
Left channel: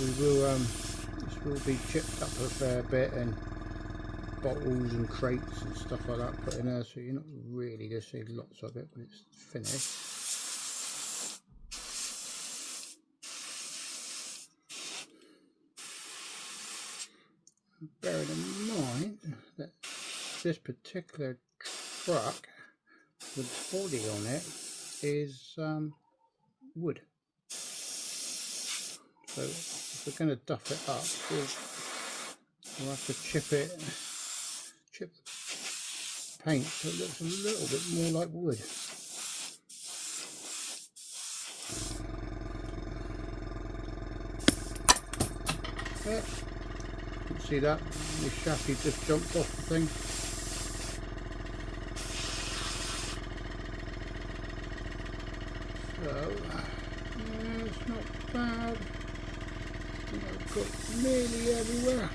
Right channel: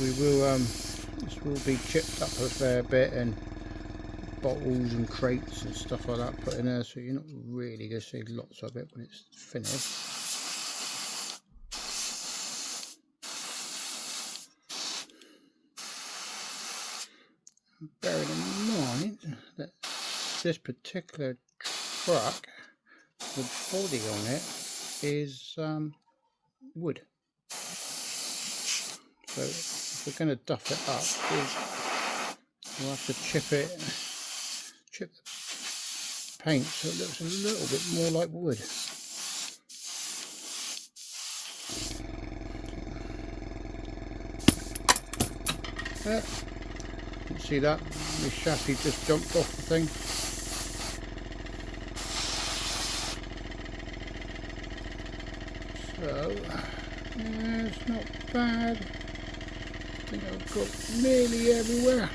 we will this will be chipped up a fair bit, and bottles and crates and stuff like that put in there, so you're not really going to see lots of it when it's finished. Bearing in mind that this particular truck, the body on it is wood, so if we're going to duff it up, we'll have to chip the paint so it looks a little bit more like wood. You can see that the chassis just jumped off the thing. So yeah, it's not bad. I think I've got nearly everywhere.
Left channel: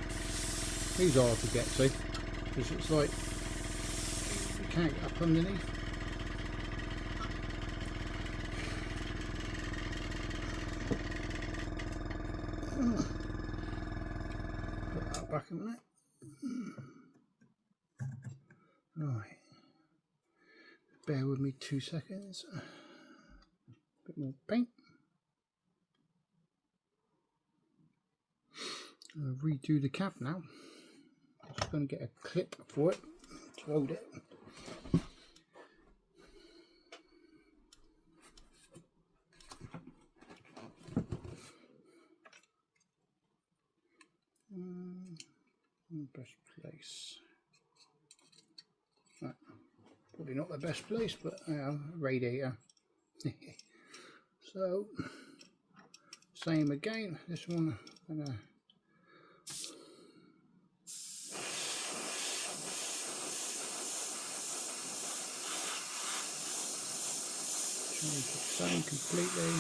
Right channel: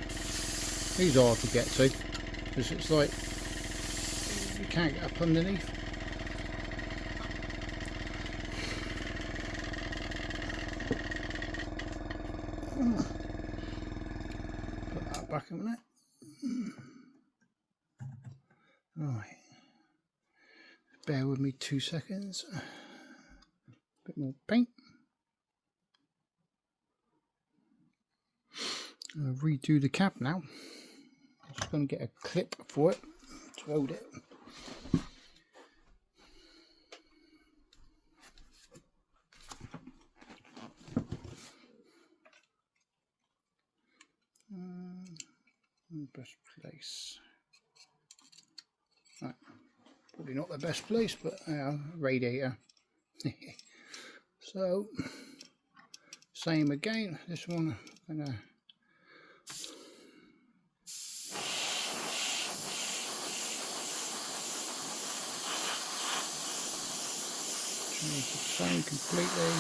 These are hard to get to because it's like you can't get up underneath. Put that back a minute. Right, bear with me 2 seconds. Bit bit more paint. I'll redo the cab now. I'm just going to get a clip for it to hold it. Best place. Right. Probably not the best place, but radiator. So same again. This one I'm gonna change the tone completely.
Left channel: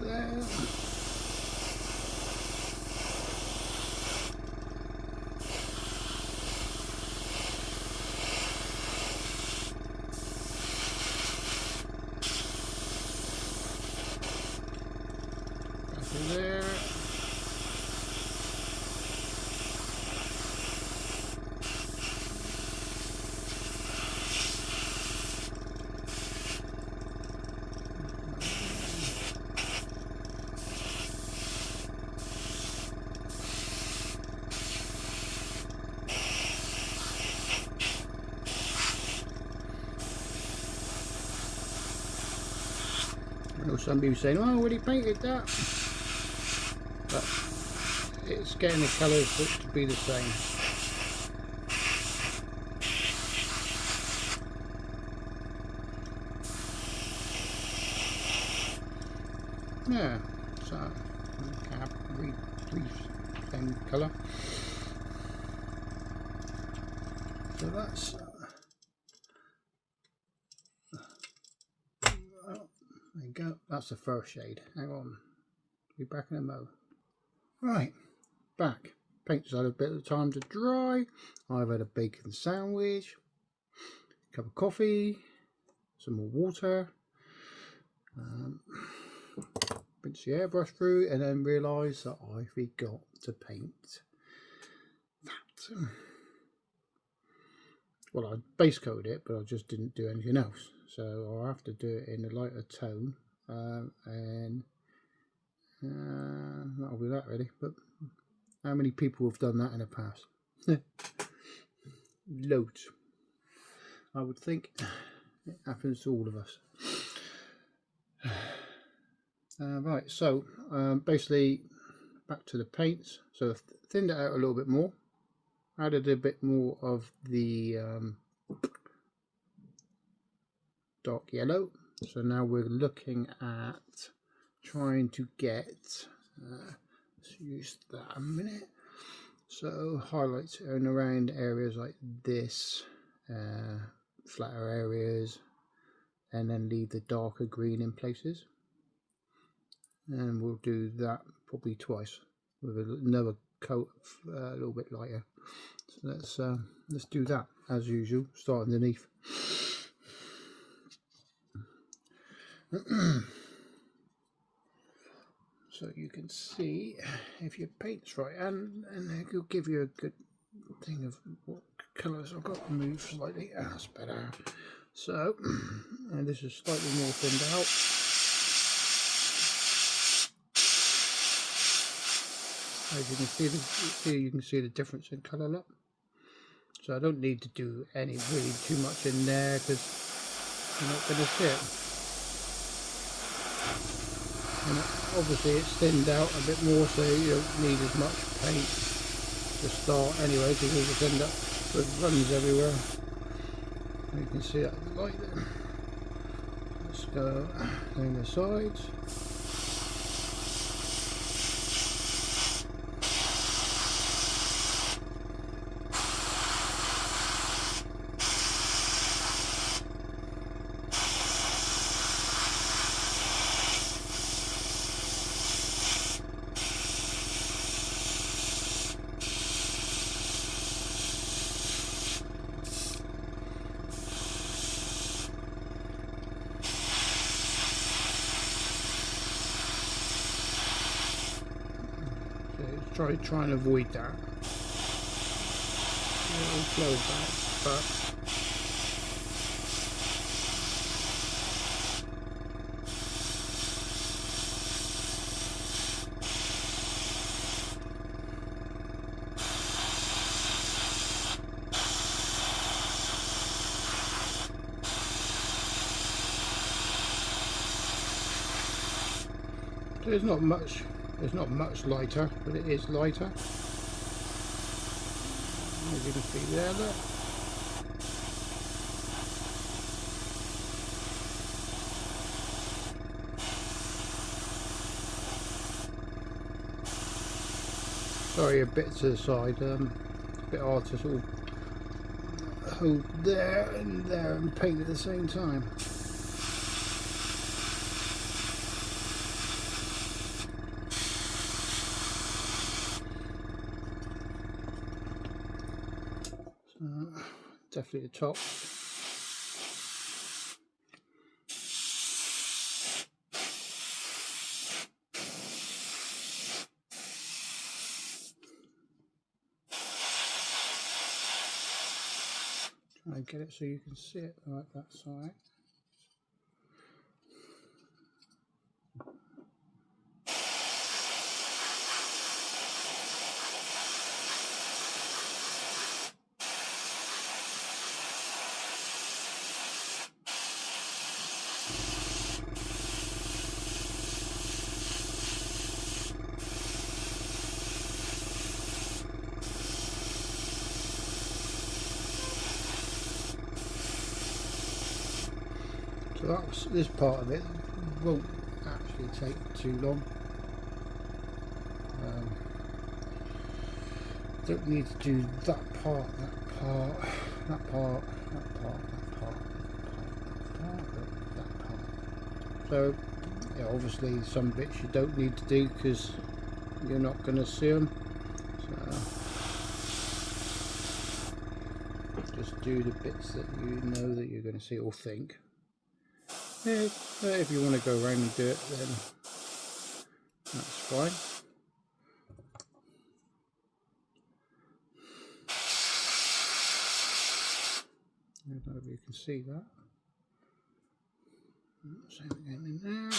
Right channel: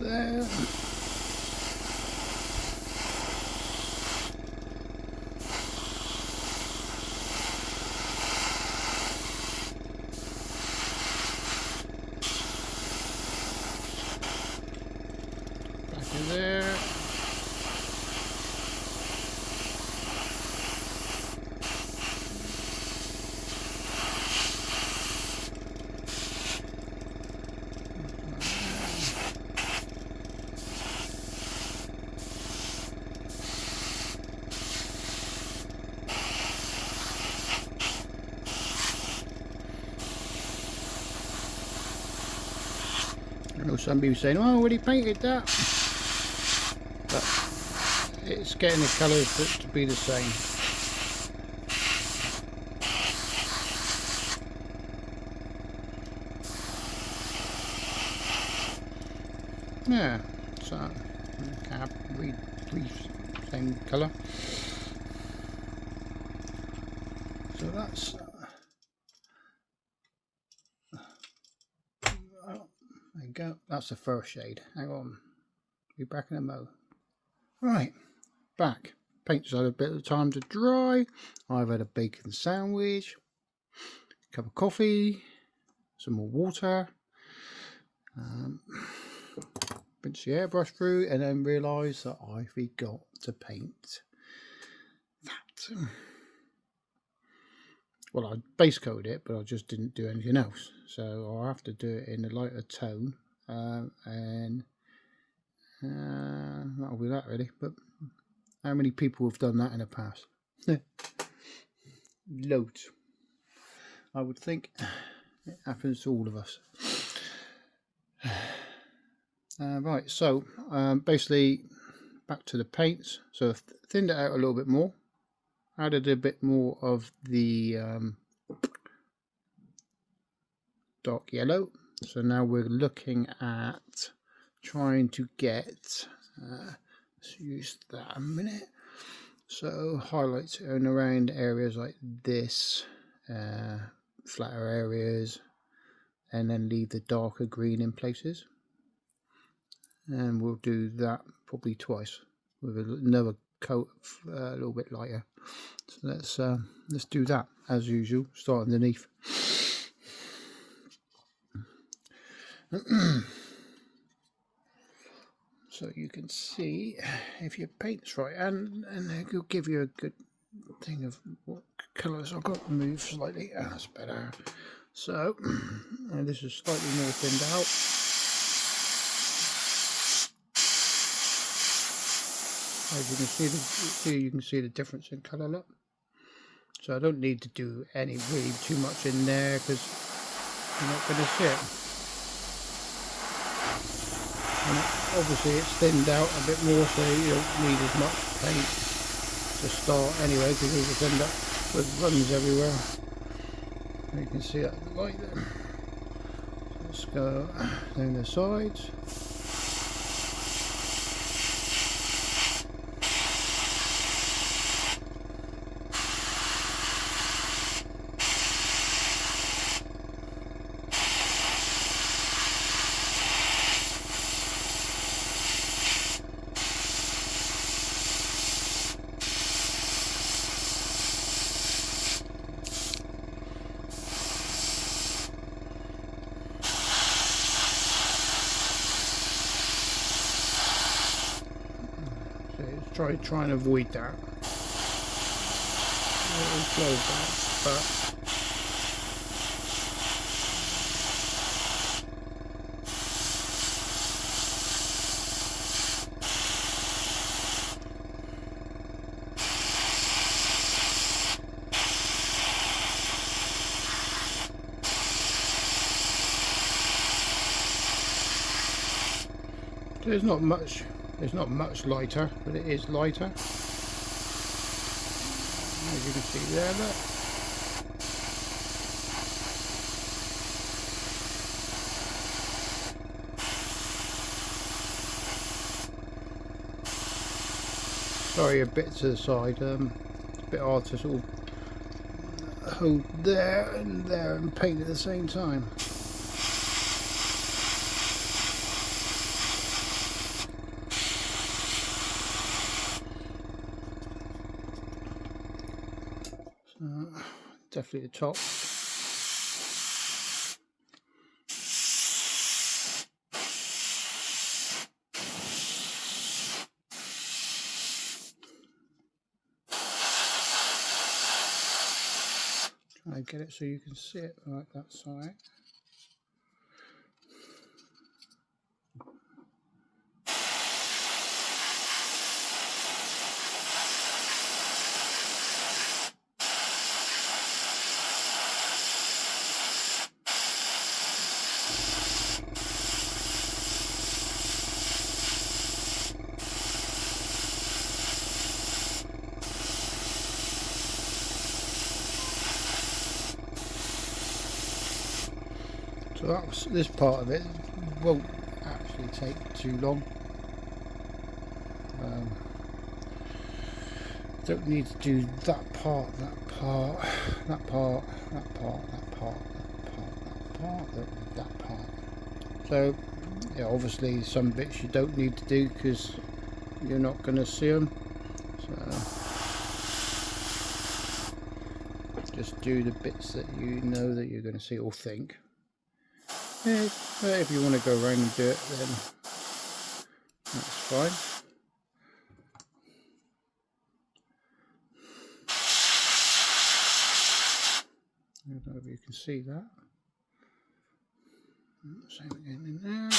There. Back in there. I know some people saying, "Oh, already painted that," but it's getting the colours to be the same. Yeah, so cab same colour. So that's there you go. That's the first shade. Hang on, be back in a mo. Right, back. Paint's had a bit of time to dry. I've had a bacon sandwich, a cup of coffee, some more water. Rinse the airbrush through, and then realise that I forgot to paint that. Well, I base coated it, but I just didn't do anything else. So I'll have to do it in a lighter tone, and that'll be that really. But how many people have done that in the past? Loads. I would think it happens to all of us. Right, so basically back to the paints. So I've thinned it out a little bit more, added a bit more of the dark yellow. So now we're looking at trying to get, let's use that a minute. So highlights in around areas like this, flatter areas, and then leave the darker green in places. And we'll do that probably twice with another coat a little bit lighter. So let's do that as usual. Start underneath. So you can see if your paint's right, and it'll give you a good thing of what colours. I've got to move slightly. Oh, that's better. So this is slightly more thinned out. As you can see the difference in colour. Look, so I don't need to do any really too much in there because you're not going to see it. And obviously it's thinned out a bit more, so you don't need as much paint to start anyway, because you just end up with runs everywhere. You can see that in the light there. Let's go down the sides. So try and avoid that. It'll flow back, but there's not much. It's not much lighter, but it is lighter. As you can see there, look. Sorry, a bit to the side. It's a bit hard to sort of hold there and paint at the same time. Definitely the top. Try and get it so you can see it like that side. So that's this part of it. Won't actually take too long. Don't need to do that part, that part, that part, that part, that part, that part, that part. So yeah, obviously some bits you don't need to do because you're not going to see them. So just do the bits that you know that you're going to see or think. Yeah, but if you want to go around and do it, then that's fine. I don't know if you can see that. Same again in there.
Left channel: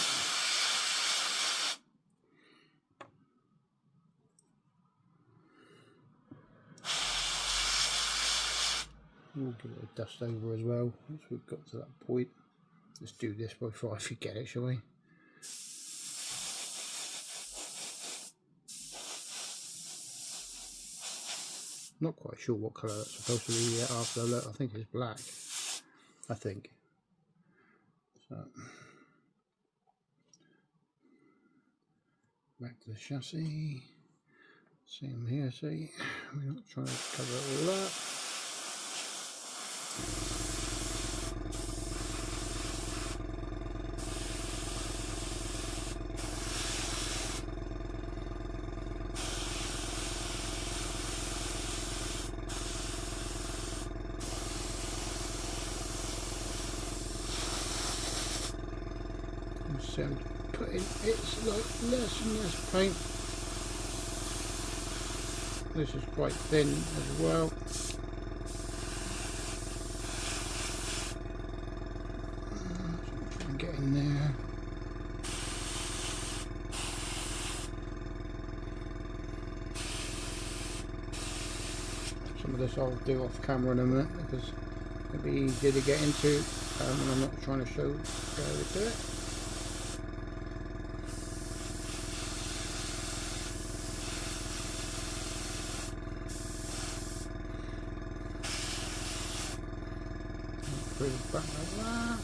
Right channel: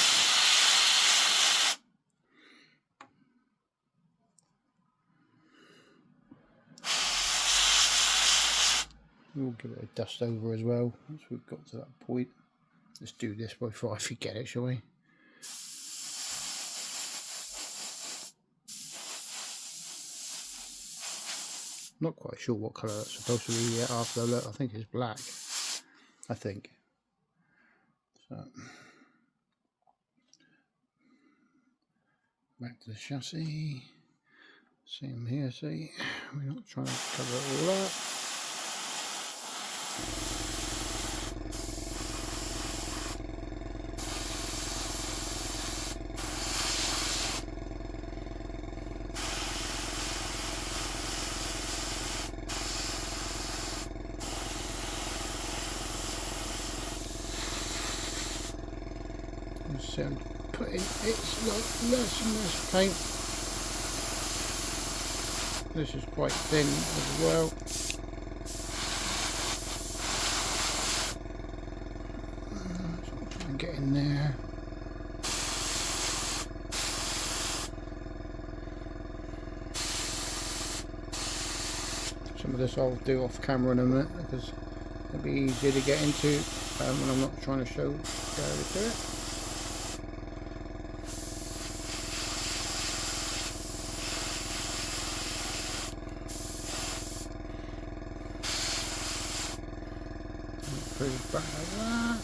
We'll give it a dust over as well once we've got to that point. Let's do this before I forget it, shall we? Not quite sure what colour that's supposed to be yet after I look. I think it's black. I think. So back to the chassis. Same here, see? We're not trying to cover it all up. So putting it's like less and less paint. This is quite thin as well. Try and get in there. Some of this I'll do off camera in a minute because it'll be easier to get into when I'm not trying to show how to do it. Back like that.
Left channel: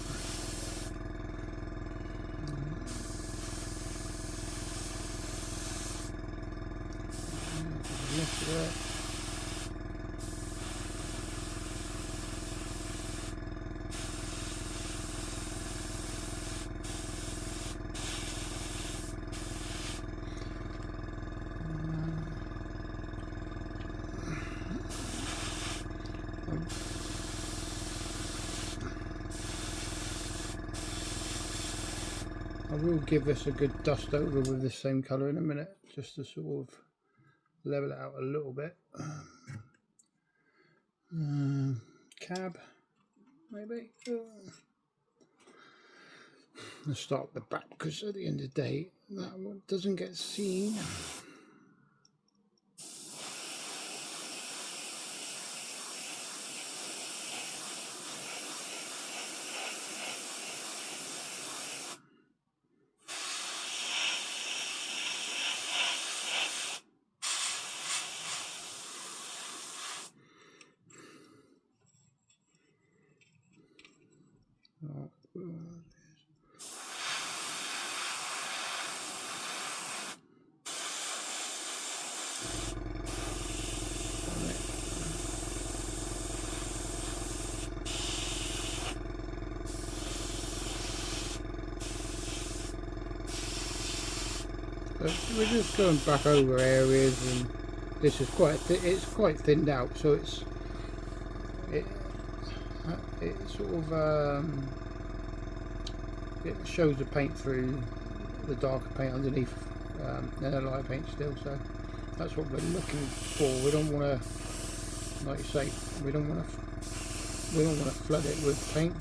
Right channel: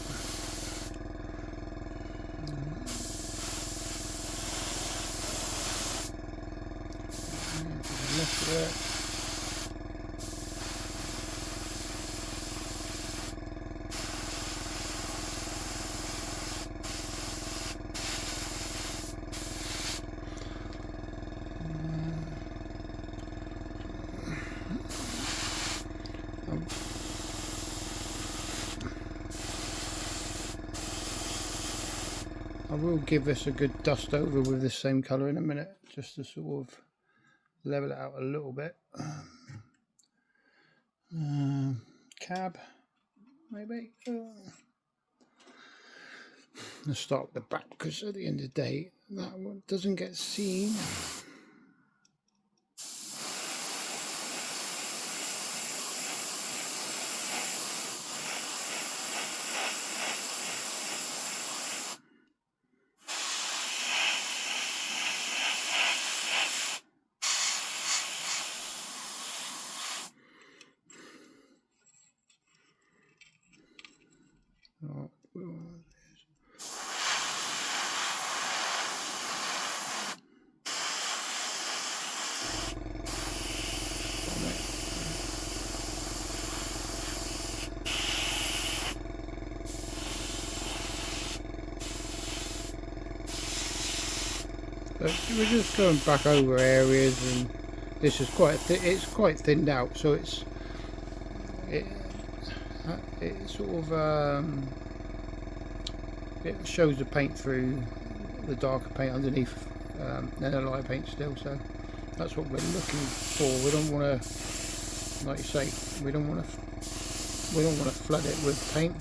Left of it. I will give this a good dust over with the same colour in a minute, just to sort of level it out a little bit. Cab, maybe. Let's start with the back, because at the end of the day, that one doesn't get seen. But we're just going back over areas, and this is it's quite thinned out, so it sort of it shows the paint through the darker paint underneath, and the lighter paint still. So that's what we're looking for. We don't want to, like you say, we don't want to flood it with paint.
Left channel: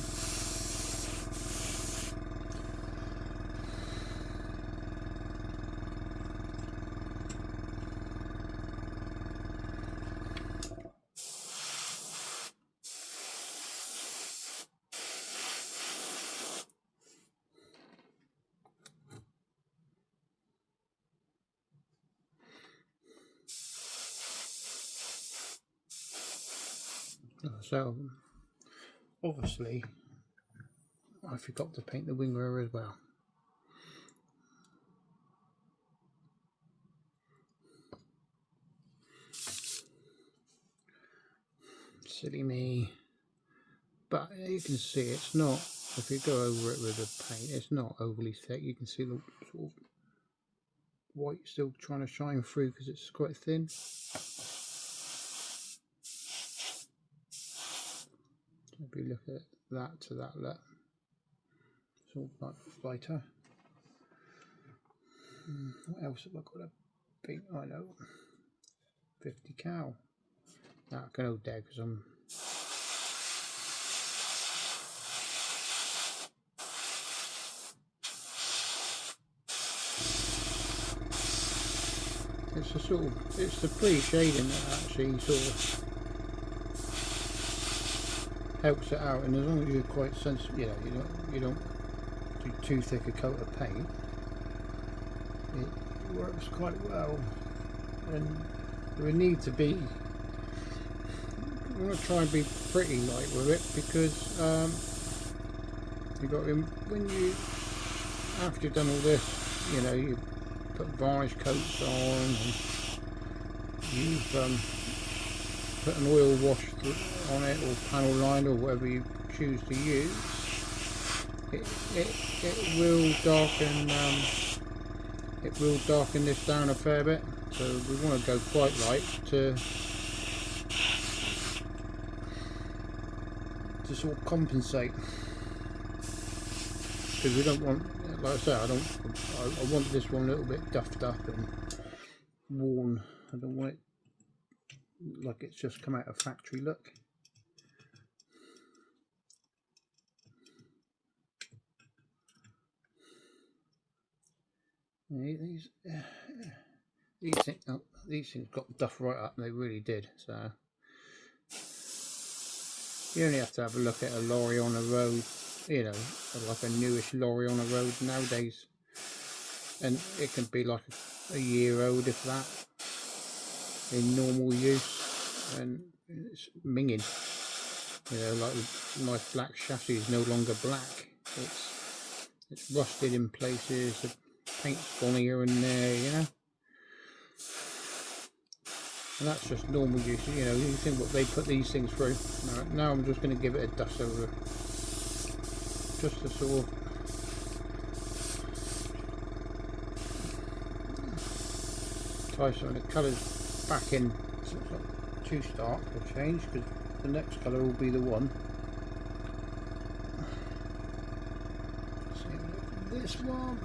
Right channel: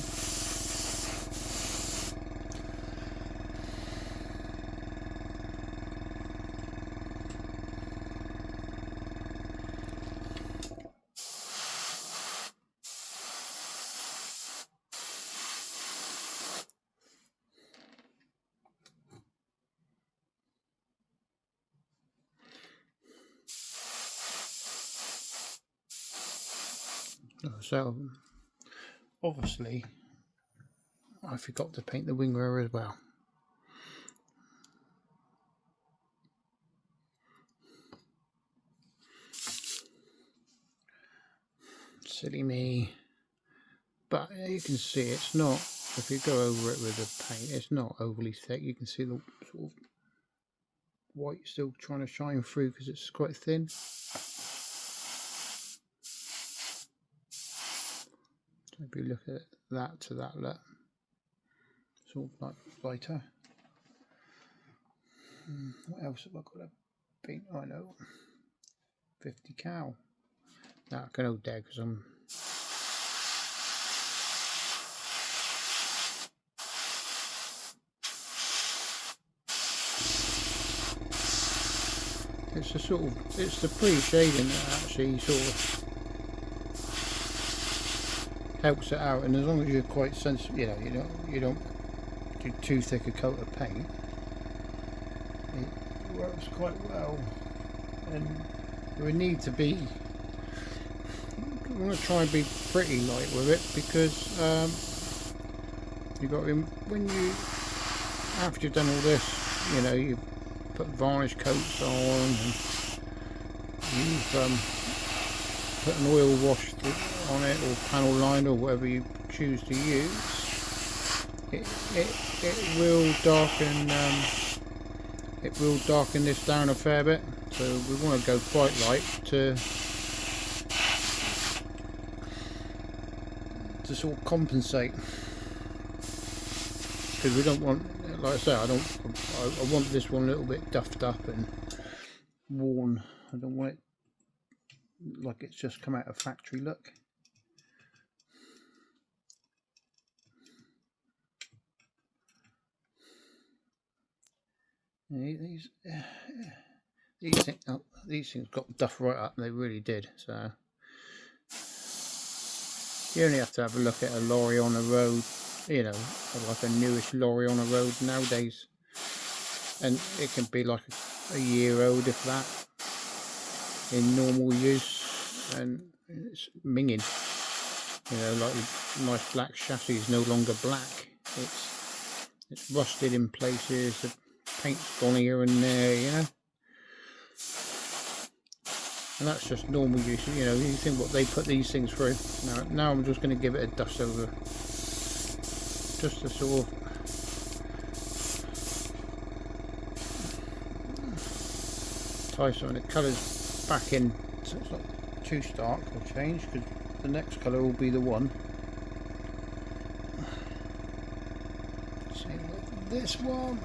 So obviously I forgot to paint the wing mirror as well. Silly me. But you can see it's not, if you go over it with the paint, it's not overly thick. You can see the sort of white still trying to shine through because it's quite thin. If you look at that to that, look, it's all like lighter. What else have I got to paint? I know, 50 cal. Now I can hold there because I'm it's the sort of, it's the pre-shading that actually sort of helps it out, and as long as you're quite sensitive, you don't do too thick a coat of paint, it works quite well. And we need to be, I'm going to try and be pretty light with it, because you got to, when you, after you've done all this, you put varnish coats on, and you've put an oil wash on it, or panel line, or whatever you choose to use. It will darken this down a fair bit, so we want to go quite light to sort of compensate, because we don't want, like I say, I want this one a little bit duffed up and worn. I don't want it like it's just come out of factory look. These things got duff right up. They really did. So you only have to have a look at a lorry on the road, like a newish lorry on the road nowadays, and it can be like a year old, if that, in normal use, and it's minging. Like the nice black chassis is no longer black. It's rusted in places. The paint's gone here and there, and that's just normal use. You think what they put these things through. Now I'm just going to give it a dust over, just to sort of tie some of the colours back in, so it's not too stark or change, because the next colour will be the one. So this one.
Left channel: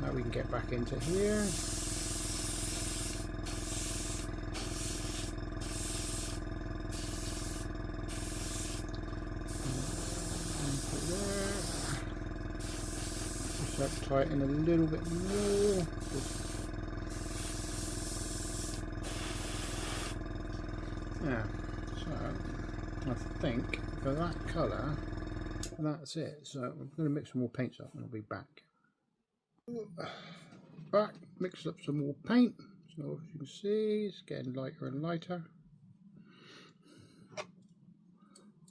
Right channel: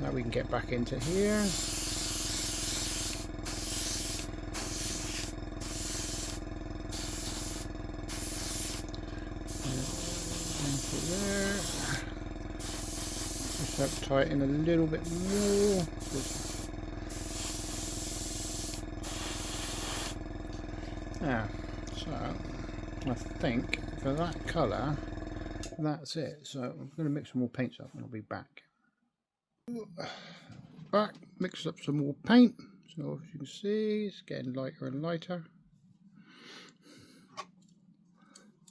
Now we can get back into here. tie it in a little bit more. Yeah, so I think for that colour, that's it. So I'm going to mix some more paints up and I'll be back. Back, mix up some more paint. So as you can see, it's getting lighter and lighter.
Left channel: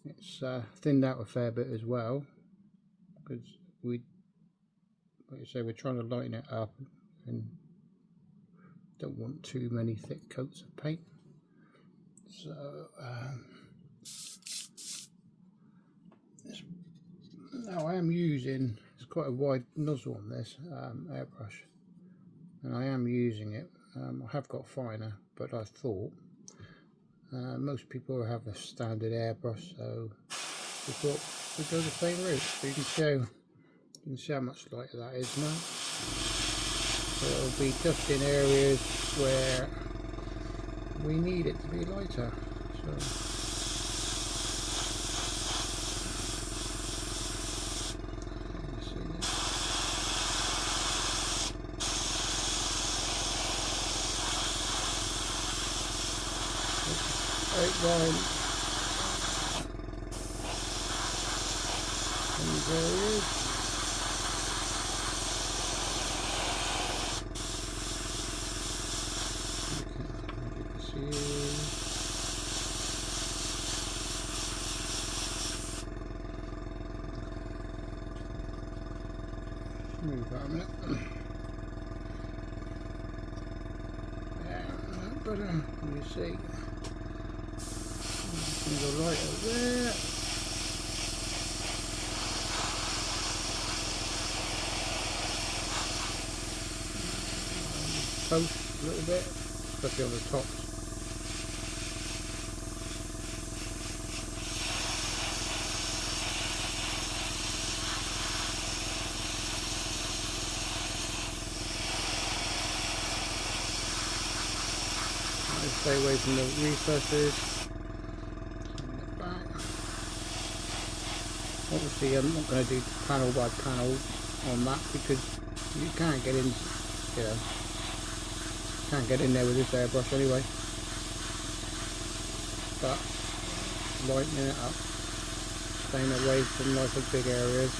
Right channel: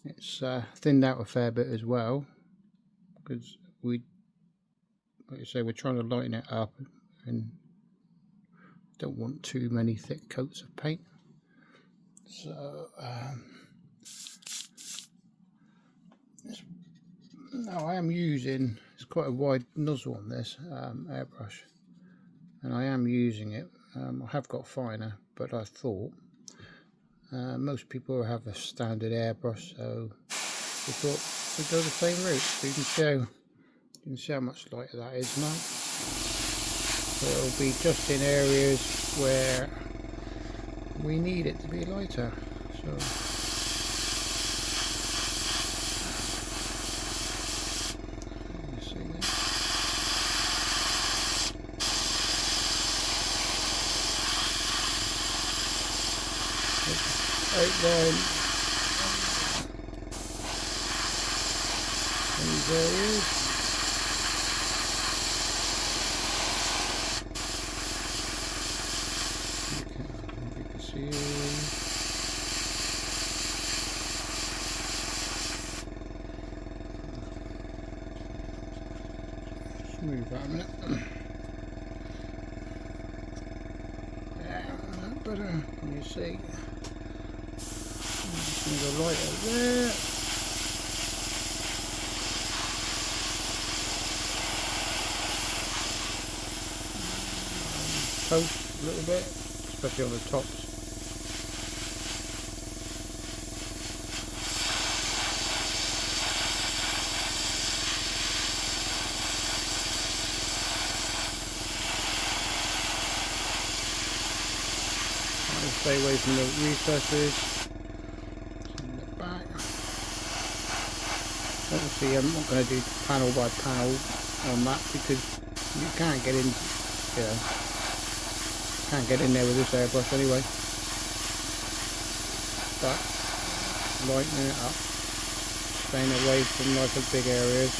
It's thinned out a fair bit as well, because like I say, we're trying to lighten it up and don't want too many thick coats of paint. So now I am using, it's quite a wide nozzle on this airbrush, and I am using it. I have got finer, but I thought most people have a standard airbrush, so we thought we'd go the same route. So you can see how much lighter that is now. So it'll be just in areas where we need it to be lighter. So outline these areas. Move that a minute. Yeah, better. You see, the light out there. Post a little bit, especially on the tops. Stay away from the recesses. Obviously, I'm not going to do panel by panel on that because you can't get in, can't get in there with this airbrush anyway. But lightening it up, staying away from like the big areas.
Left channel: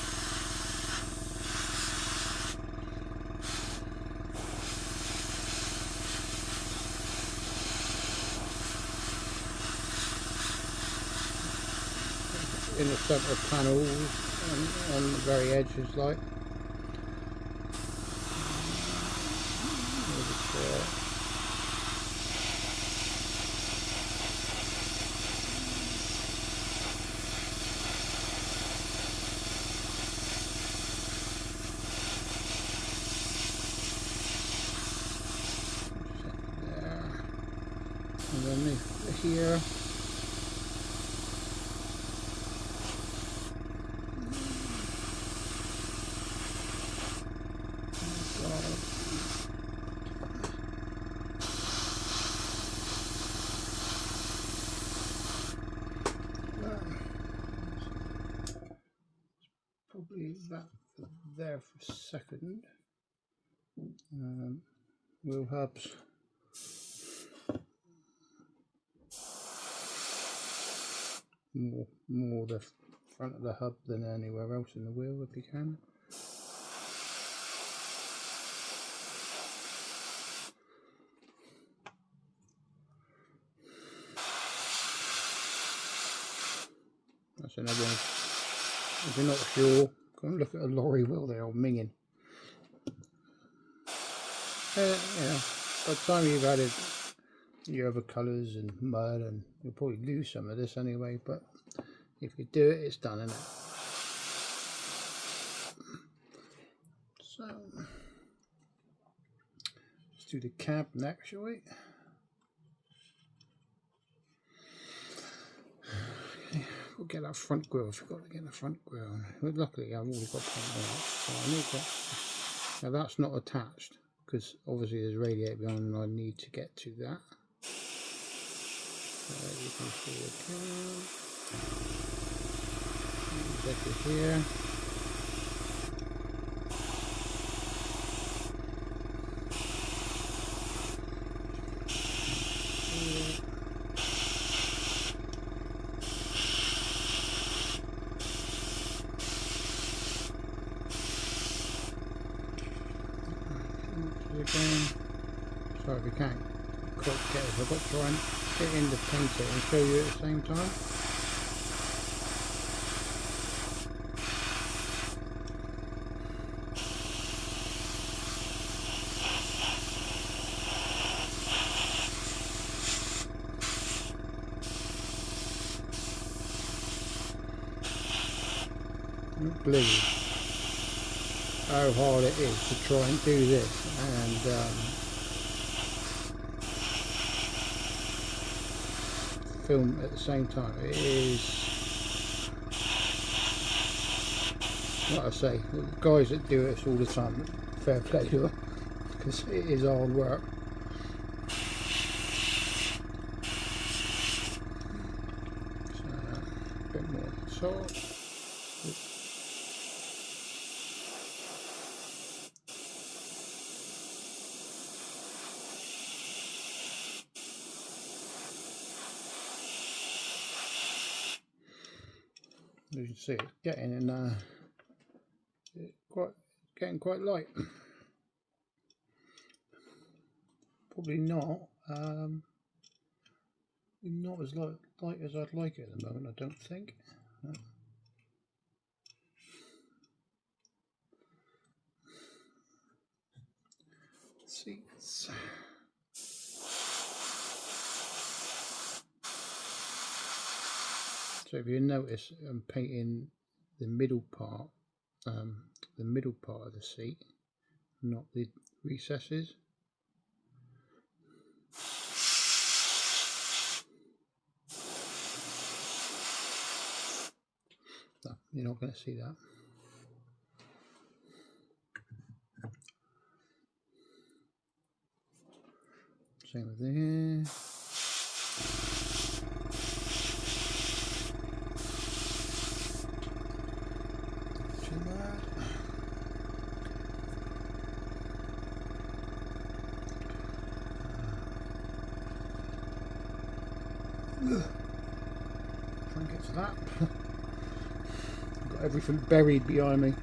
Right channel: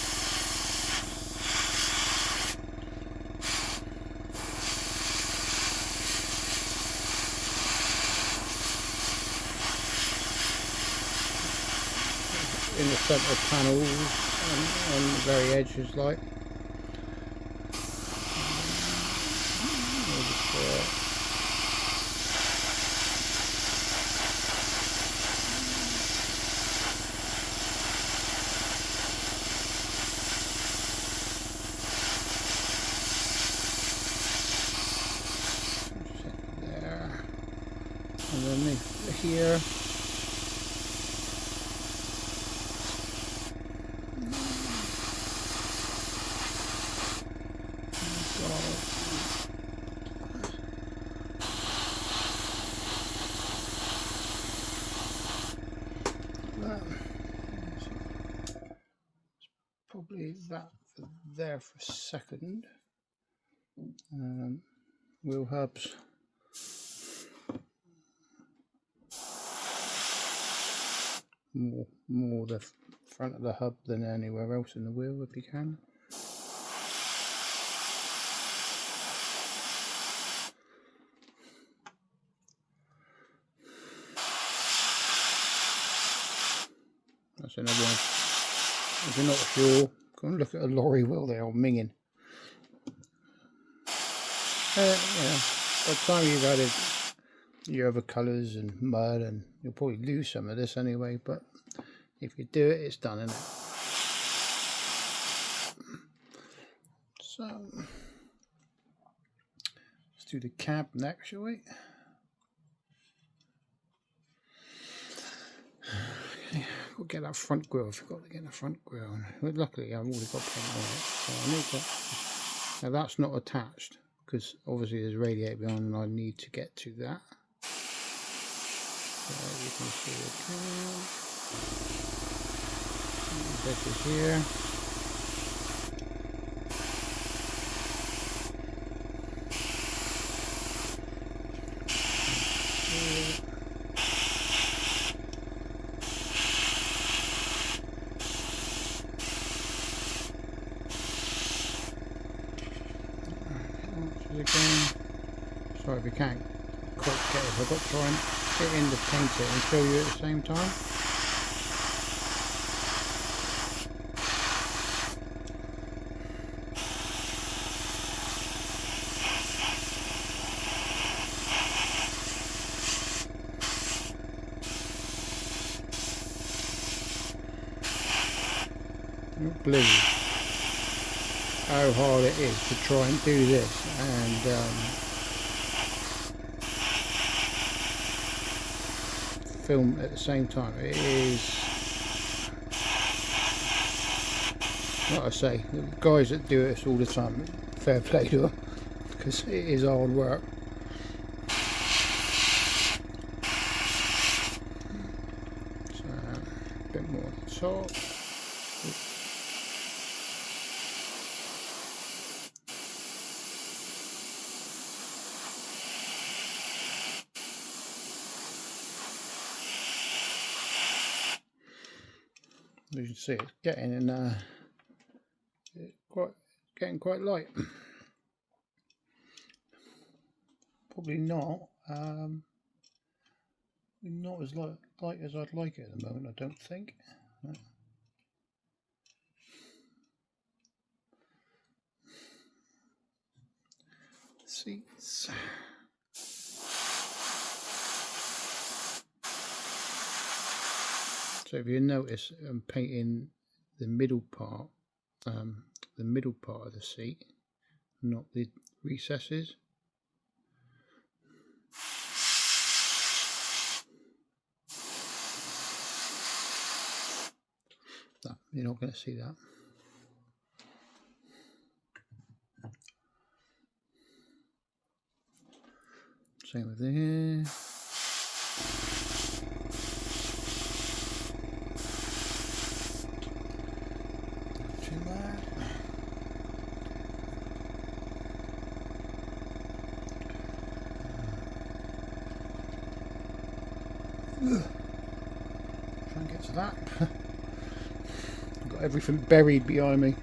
In the centre panels and the very edges, like there, and then here. Probably that there for a second. Wheel hubs. More the front of the hub than anywhere else in the wheel if you can. That's another one. If you're not sure, go and look at a lorry wheel there on minging. By the time you've added your other colours and mud, and you'll probably lose some of this anyway, but if you do it, it's done, isn't it? So let's do the cab next, shall we? Okay, we'll get that front grille. I forgot to get the front grille. But luckily I've already got paint on it, so I need that. Now that's not attached because obviously there's a radiator behind and I need to get to that. So you can see the cab. Get this here. again. Sorry if you can't quite get it. I've got to try and get in the painter and show you at the same time. Blue. How hard it is to try and do this and film at the same time. It is, like I say, the guys that do this all the time, fair play to them, because it is hard work. So, a bit more at the top. As you can see, it's getting in quite light. Probably not not as light as I'd like it at the moment, I don't think. Seats. So if you notice, I'm painting the middle part of the seat, not the recesses. No, you're not going to see that. Same with here. Try and get to that. Got everything buried behind me.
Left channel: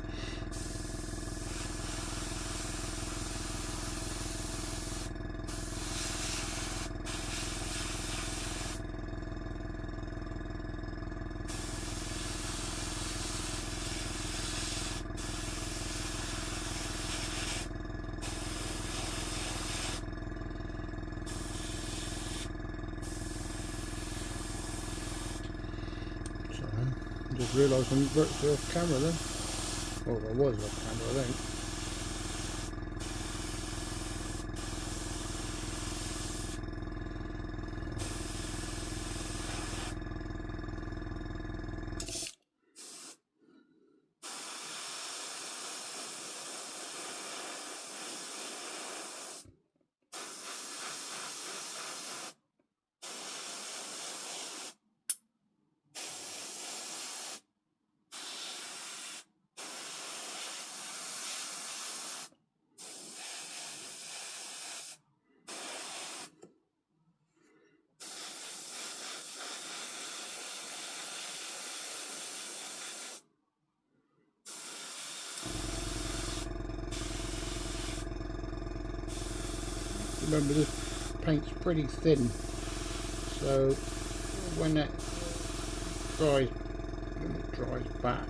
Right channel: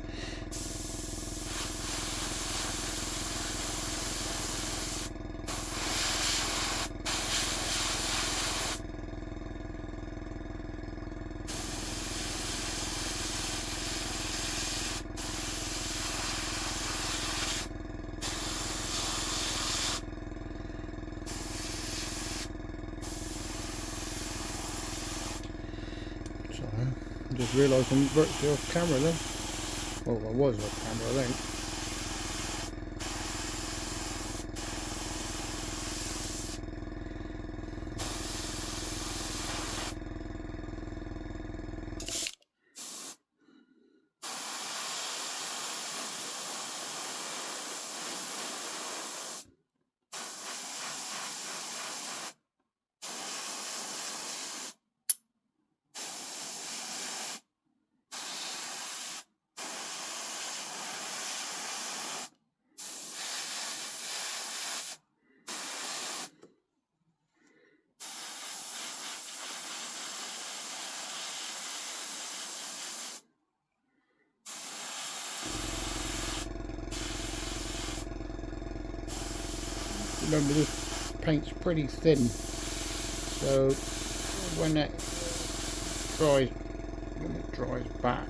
I just realised I'm virtually off camera then. Well, I was off camera then. Remember, this paint's pretty thin, so when it dries back,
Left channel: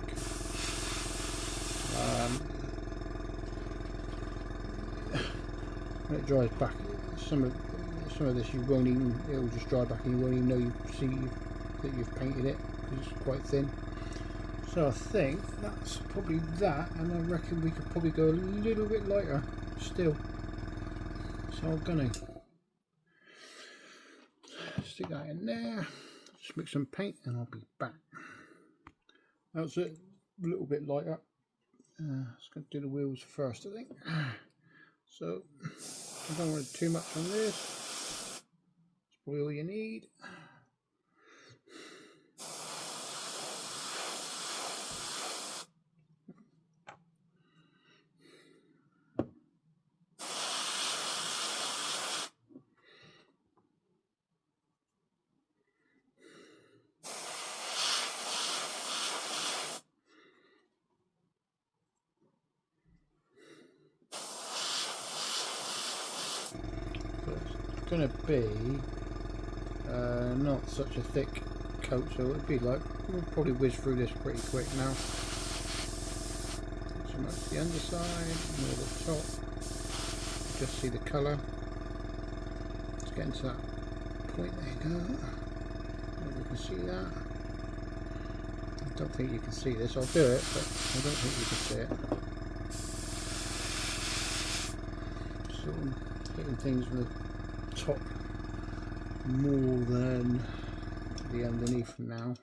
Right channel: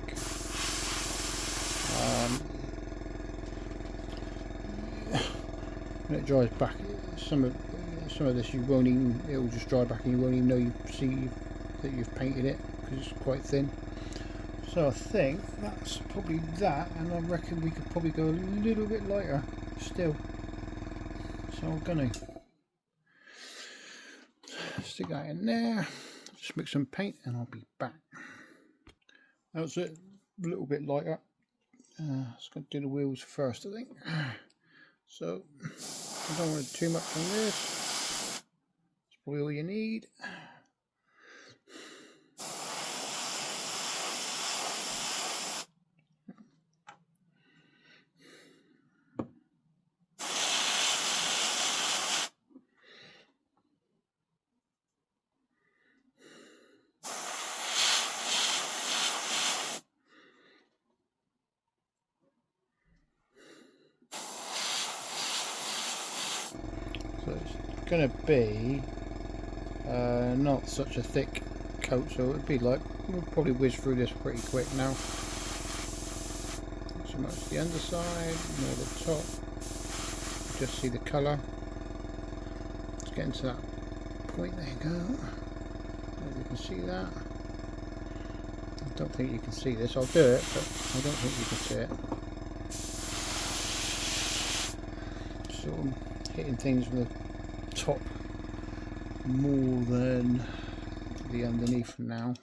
some of this you won't even, it will just dry back and you won't even know that you've painted it because it's quite thin. So I think that's probably that, and I reckon we could probably go a little bit lighter still. So I'm going to stick that in there, just mix some paint, and I'll be back. That's it, a little bit lighter. Just going to do the wheels first, I think. So I don't want too much on this. That's probably all you need. going to be not such a thick coat, so it would be like, we'll probably whiz through this pretty quick now. Not so much the underside, more the top. Just see the colour. Let's get into that point. There you go. Maybe you can see that. I don't think you can see this. I'll do it, but I don't think you can see it. Sort of hitting things from the top more than the underneath now.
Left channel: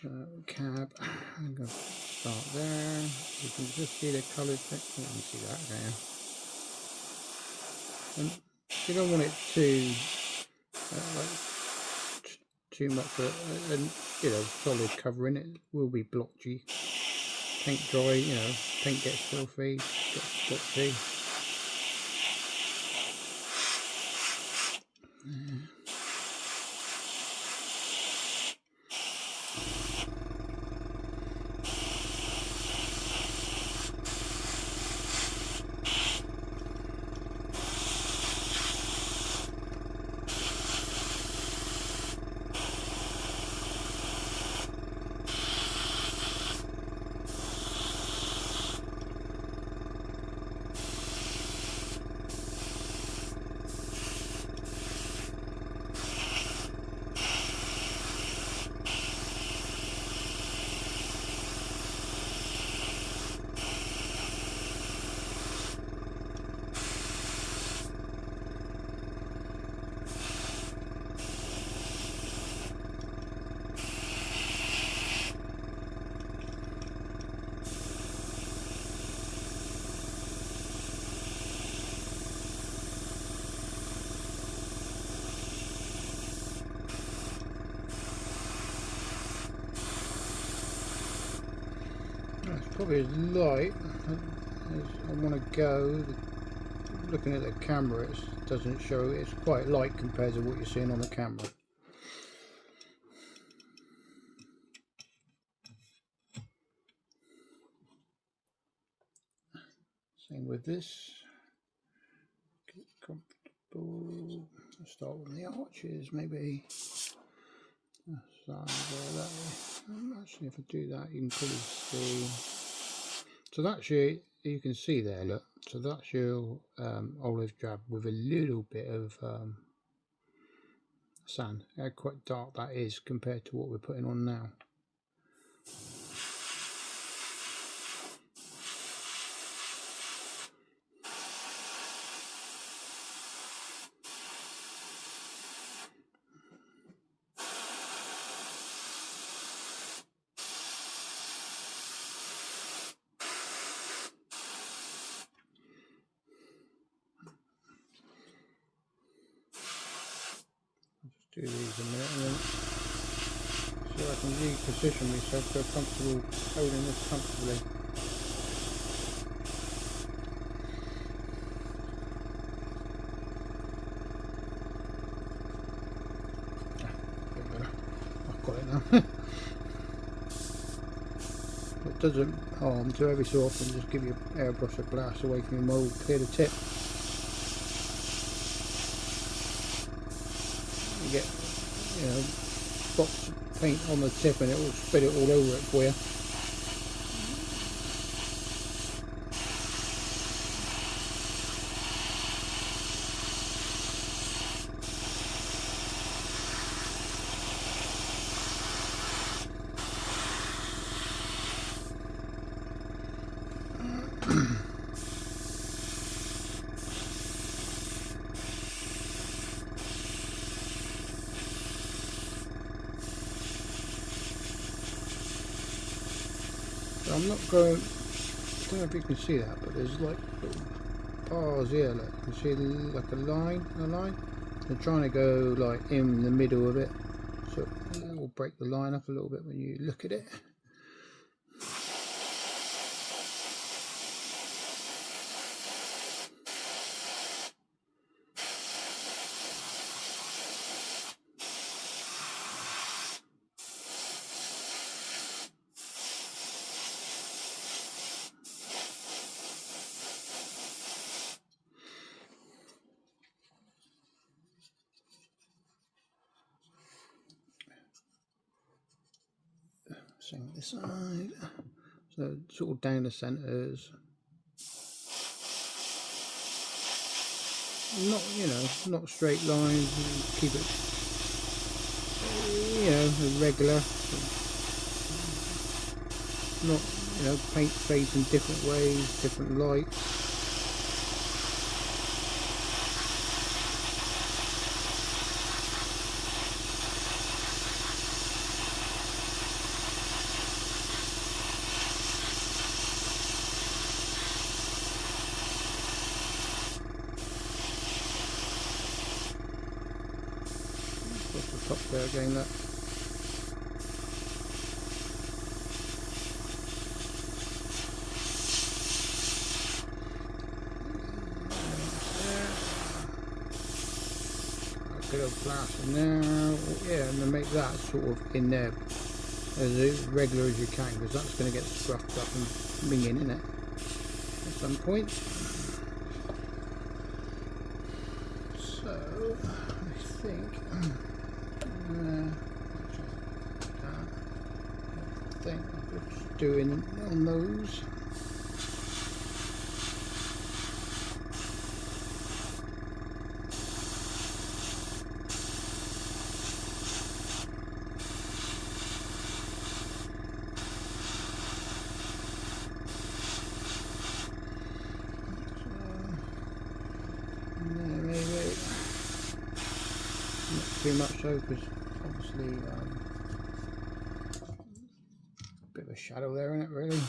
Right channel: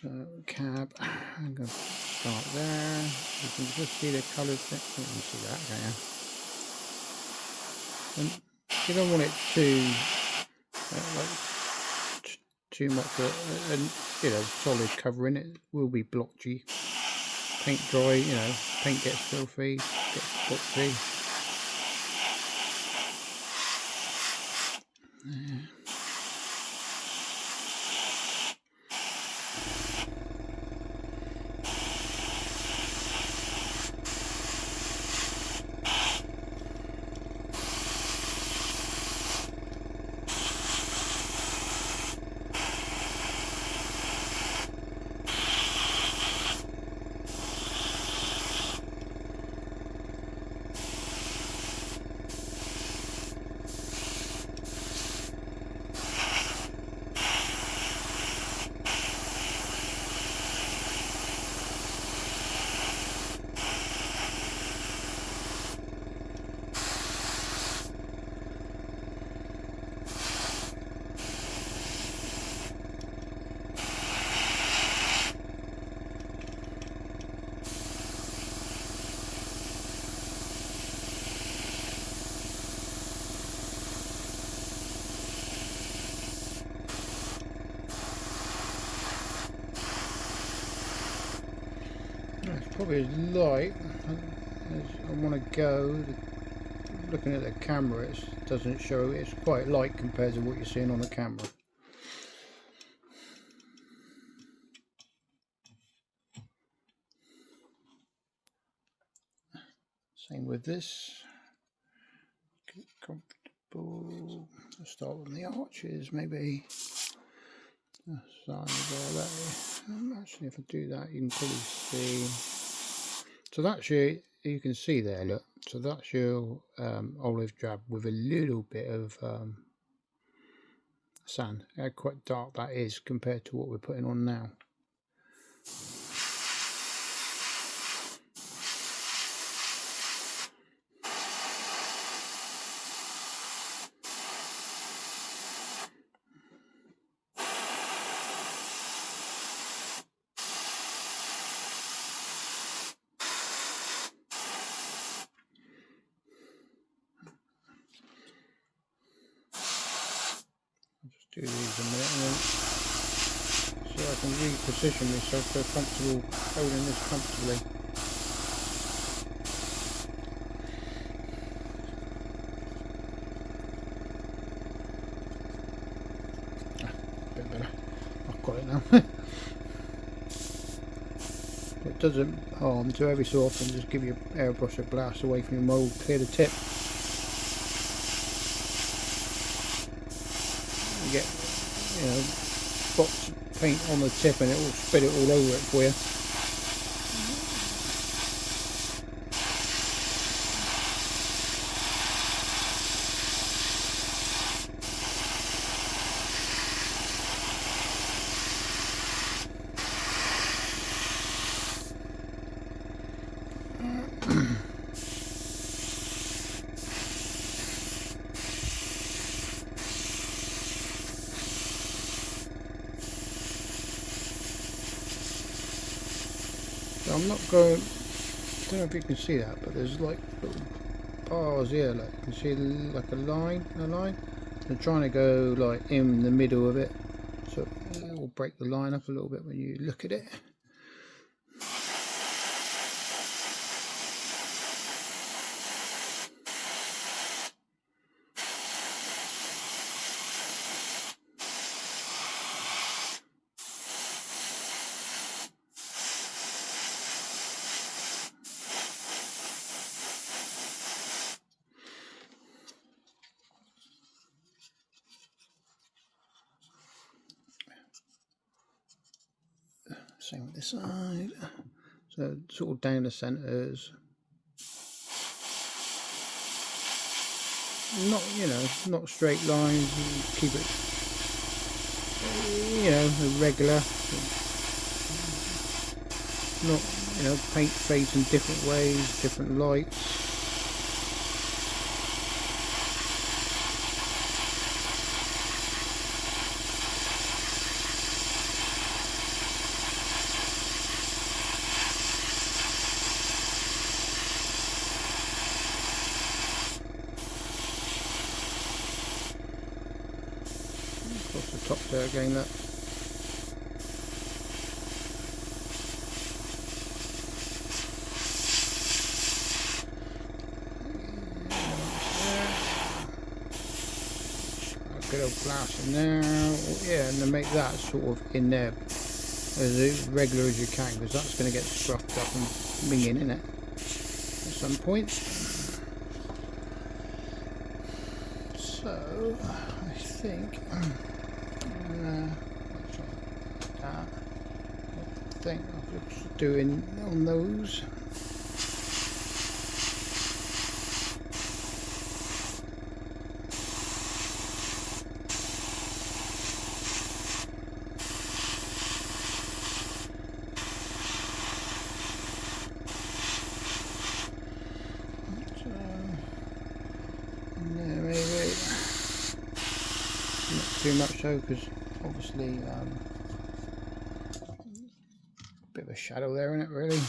So cab, I'm going to start there. You can just see the colours. You can see that there. And you don't want it too much, and you know, solid covering. It will be blotchy. Paint dry, you know, paint gets filthy, gets blotchy. Yeah. It's probably as light as I want to go. Looking at the camera, it doesn't show. It's quite light compared to what you're seeing on the camera. Same with this. Get comfortable. Let's start with the arches, maybe. Actually, if I do that, you can probably see. So that's you can see there, look. So that's your olive drab with a little bit of sand. How quite dark that is compared to what we're putting on now. Do these a minute and then see I can reposition myself so comfortable holding this comfortably. Bit better. I've got it now. It doesn't harm to every so often just give your airbrush a blast away from your mould, clear the tip. Get, you know, spots of paint on the tip and it will spread it all over it for you. I'm not going, I don't know if you can see that, but there's like little bars here, like you can see like a line. I'm trying to go like in the middle of it, so it will break the line up a little bit when you look at it. Same with this side. So sort of down the centres. Not, you know, not straight lines. Keep it, you know, regular. Not, you know, paint fades in different ways, different lights. Across the top there again, that. Good old plaster now, yeah, and then make that sort of in there as regular as you can, because that's going to get scuffed up and minging in it at some point. So I think I'll just doing on those. Too much so, because obviously a bit of a shadow there, isn't it, really?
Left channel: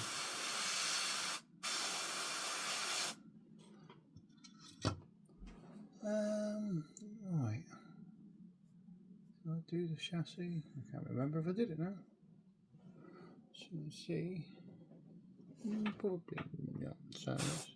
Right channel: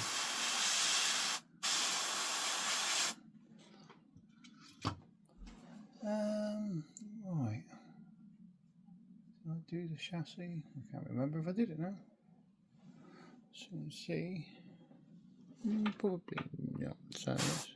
Right. Did I do the chassis? I can't remember if I did it now. So let's see. Probably not. So yes.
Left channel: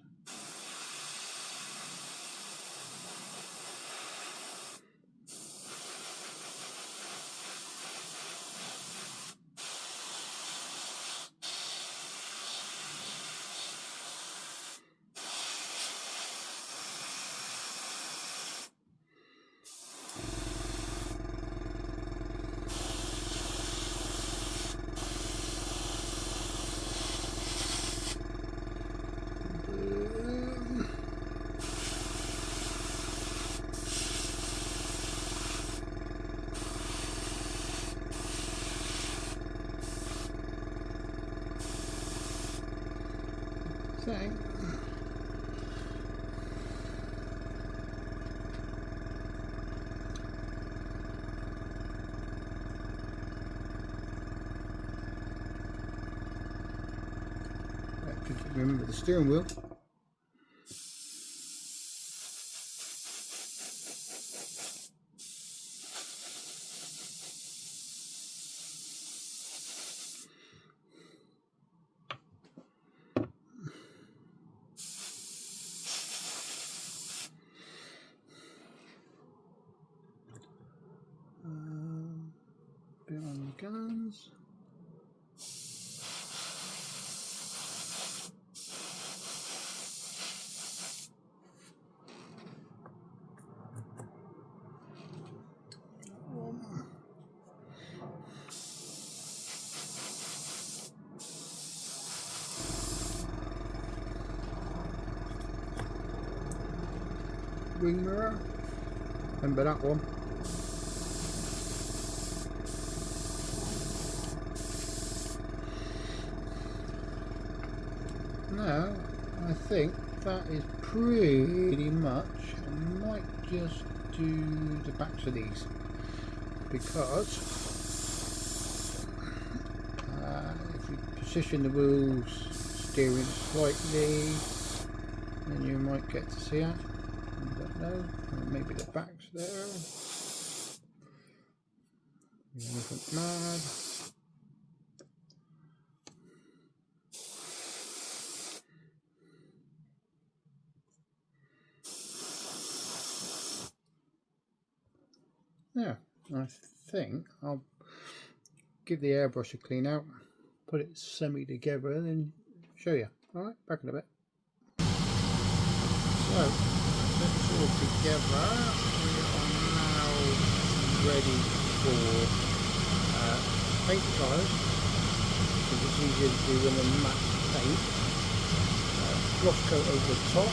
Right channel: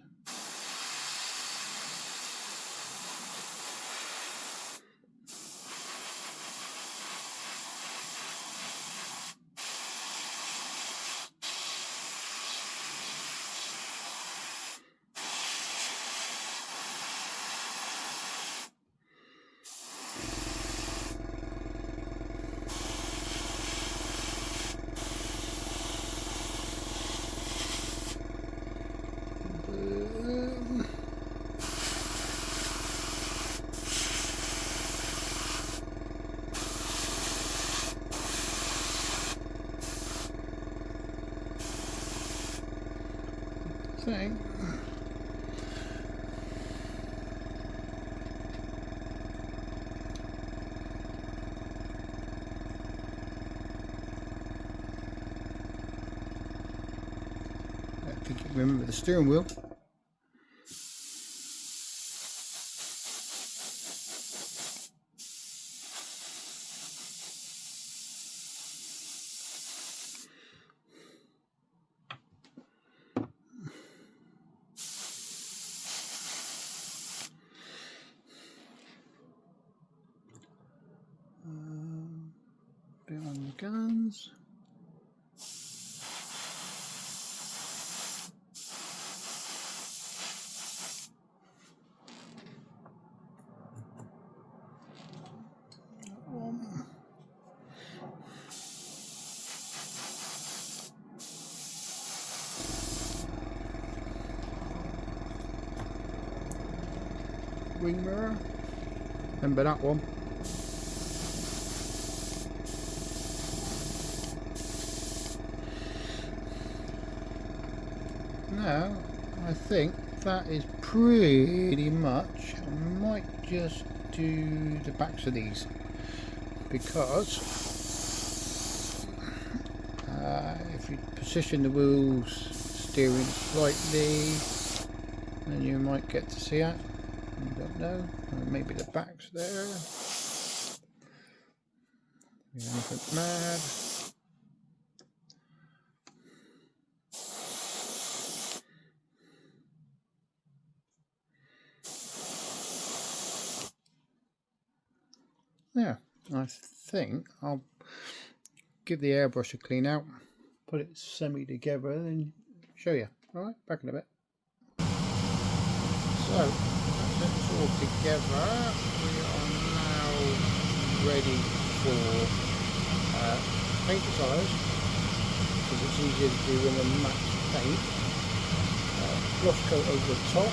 Okay. Remember the steering wheel. Bit on the guns. Wing mirror. Remember that one. Now, I think that is pretty much. I might just do the backs of these, because if you position the wheels steering slightly, then you might get to see it. I don't know. Maybe the backs there. Anything mad. Yeah, I think I'll give the airbrush a clean out, put it semi together, and then show you. Alright, back in a bit. So, that's it all together. We are now ready for paint the tyres, because it's easier to do in a matte paint. Gloss coat over the top,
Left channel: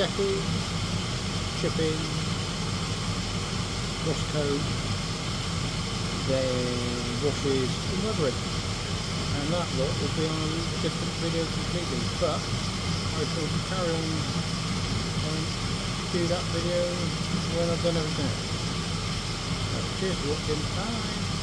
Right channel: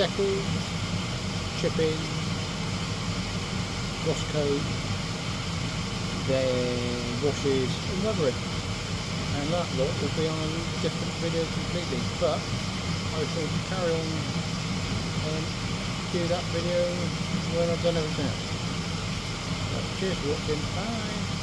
decals, chipping, gloss coat, then washes and weathering, and that lot will be on a different video completely, but I shall carry on and do that video when I've done everything else. So, cheers for watching, bye!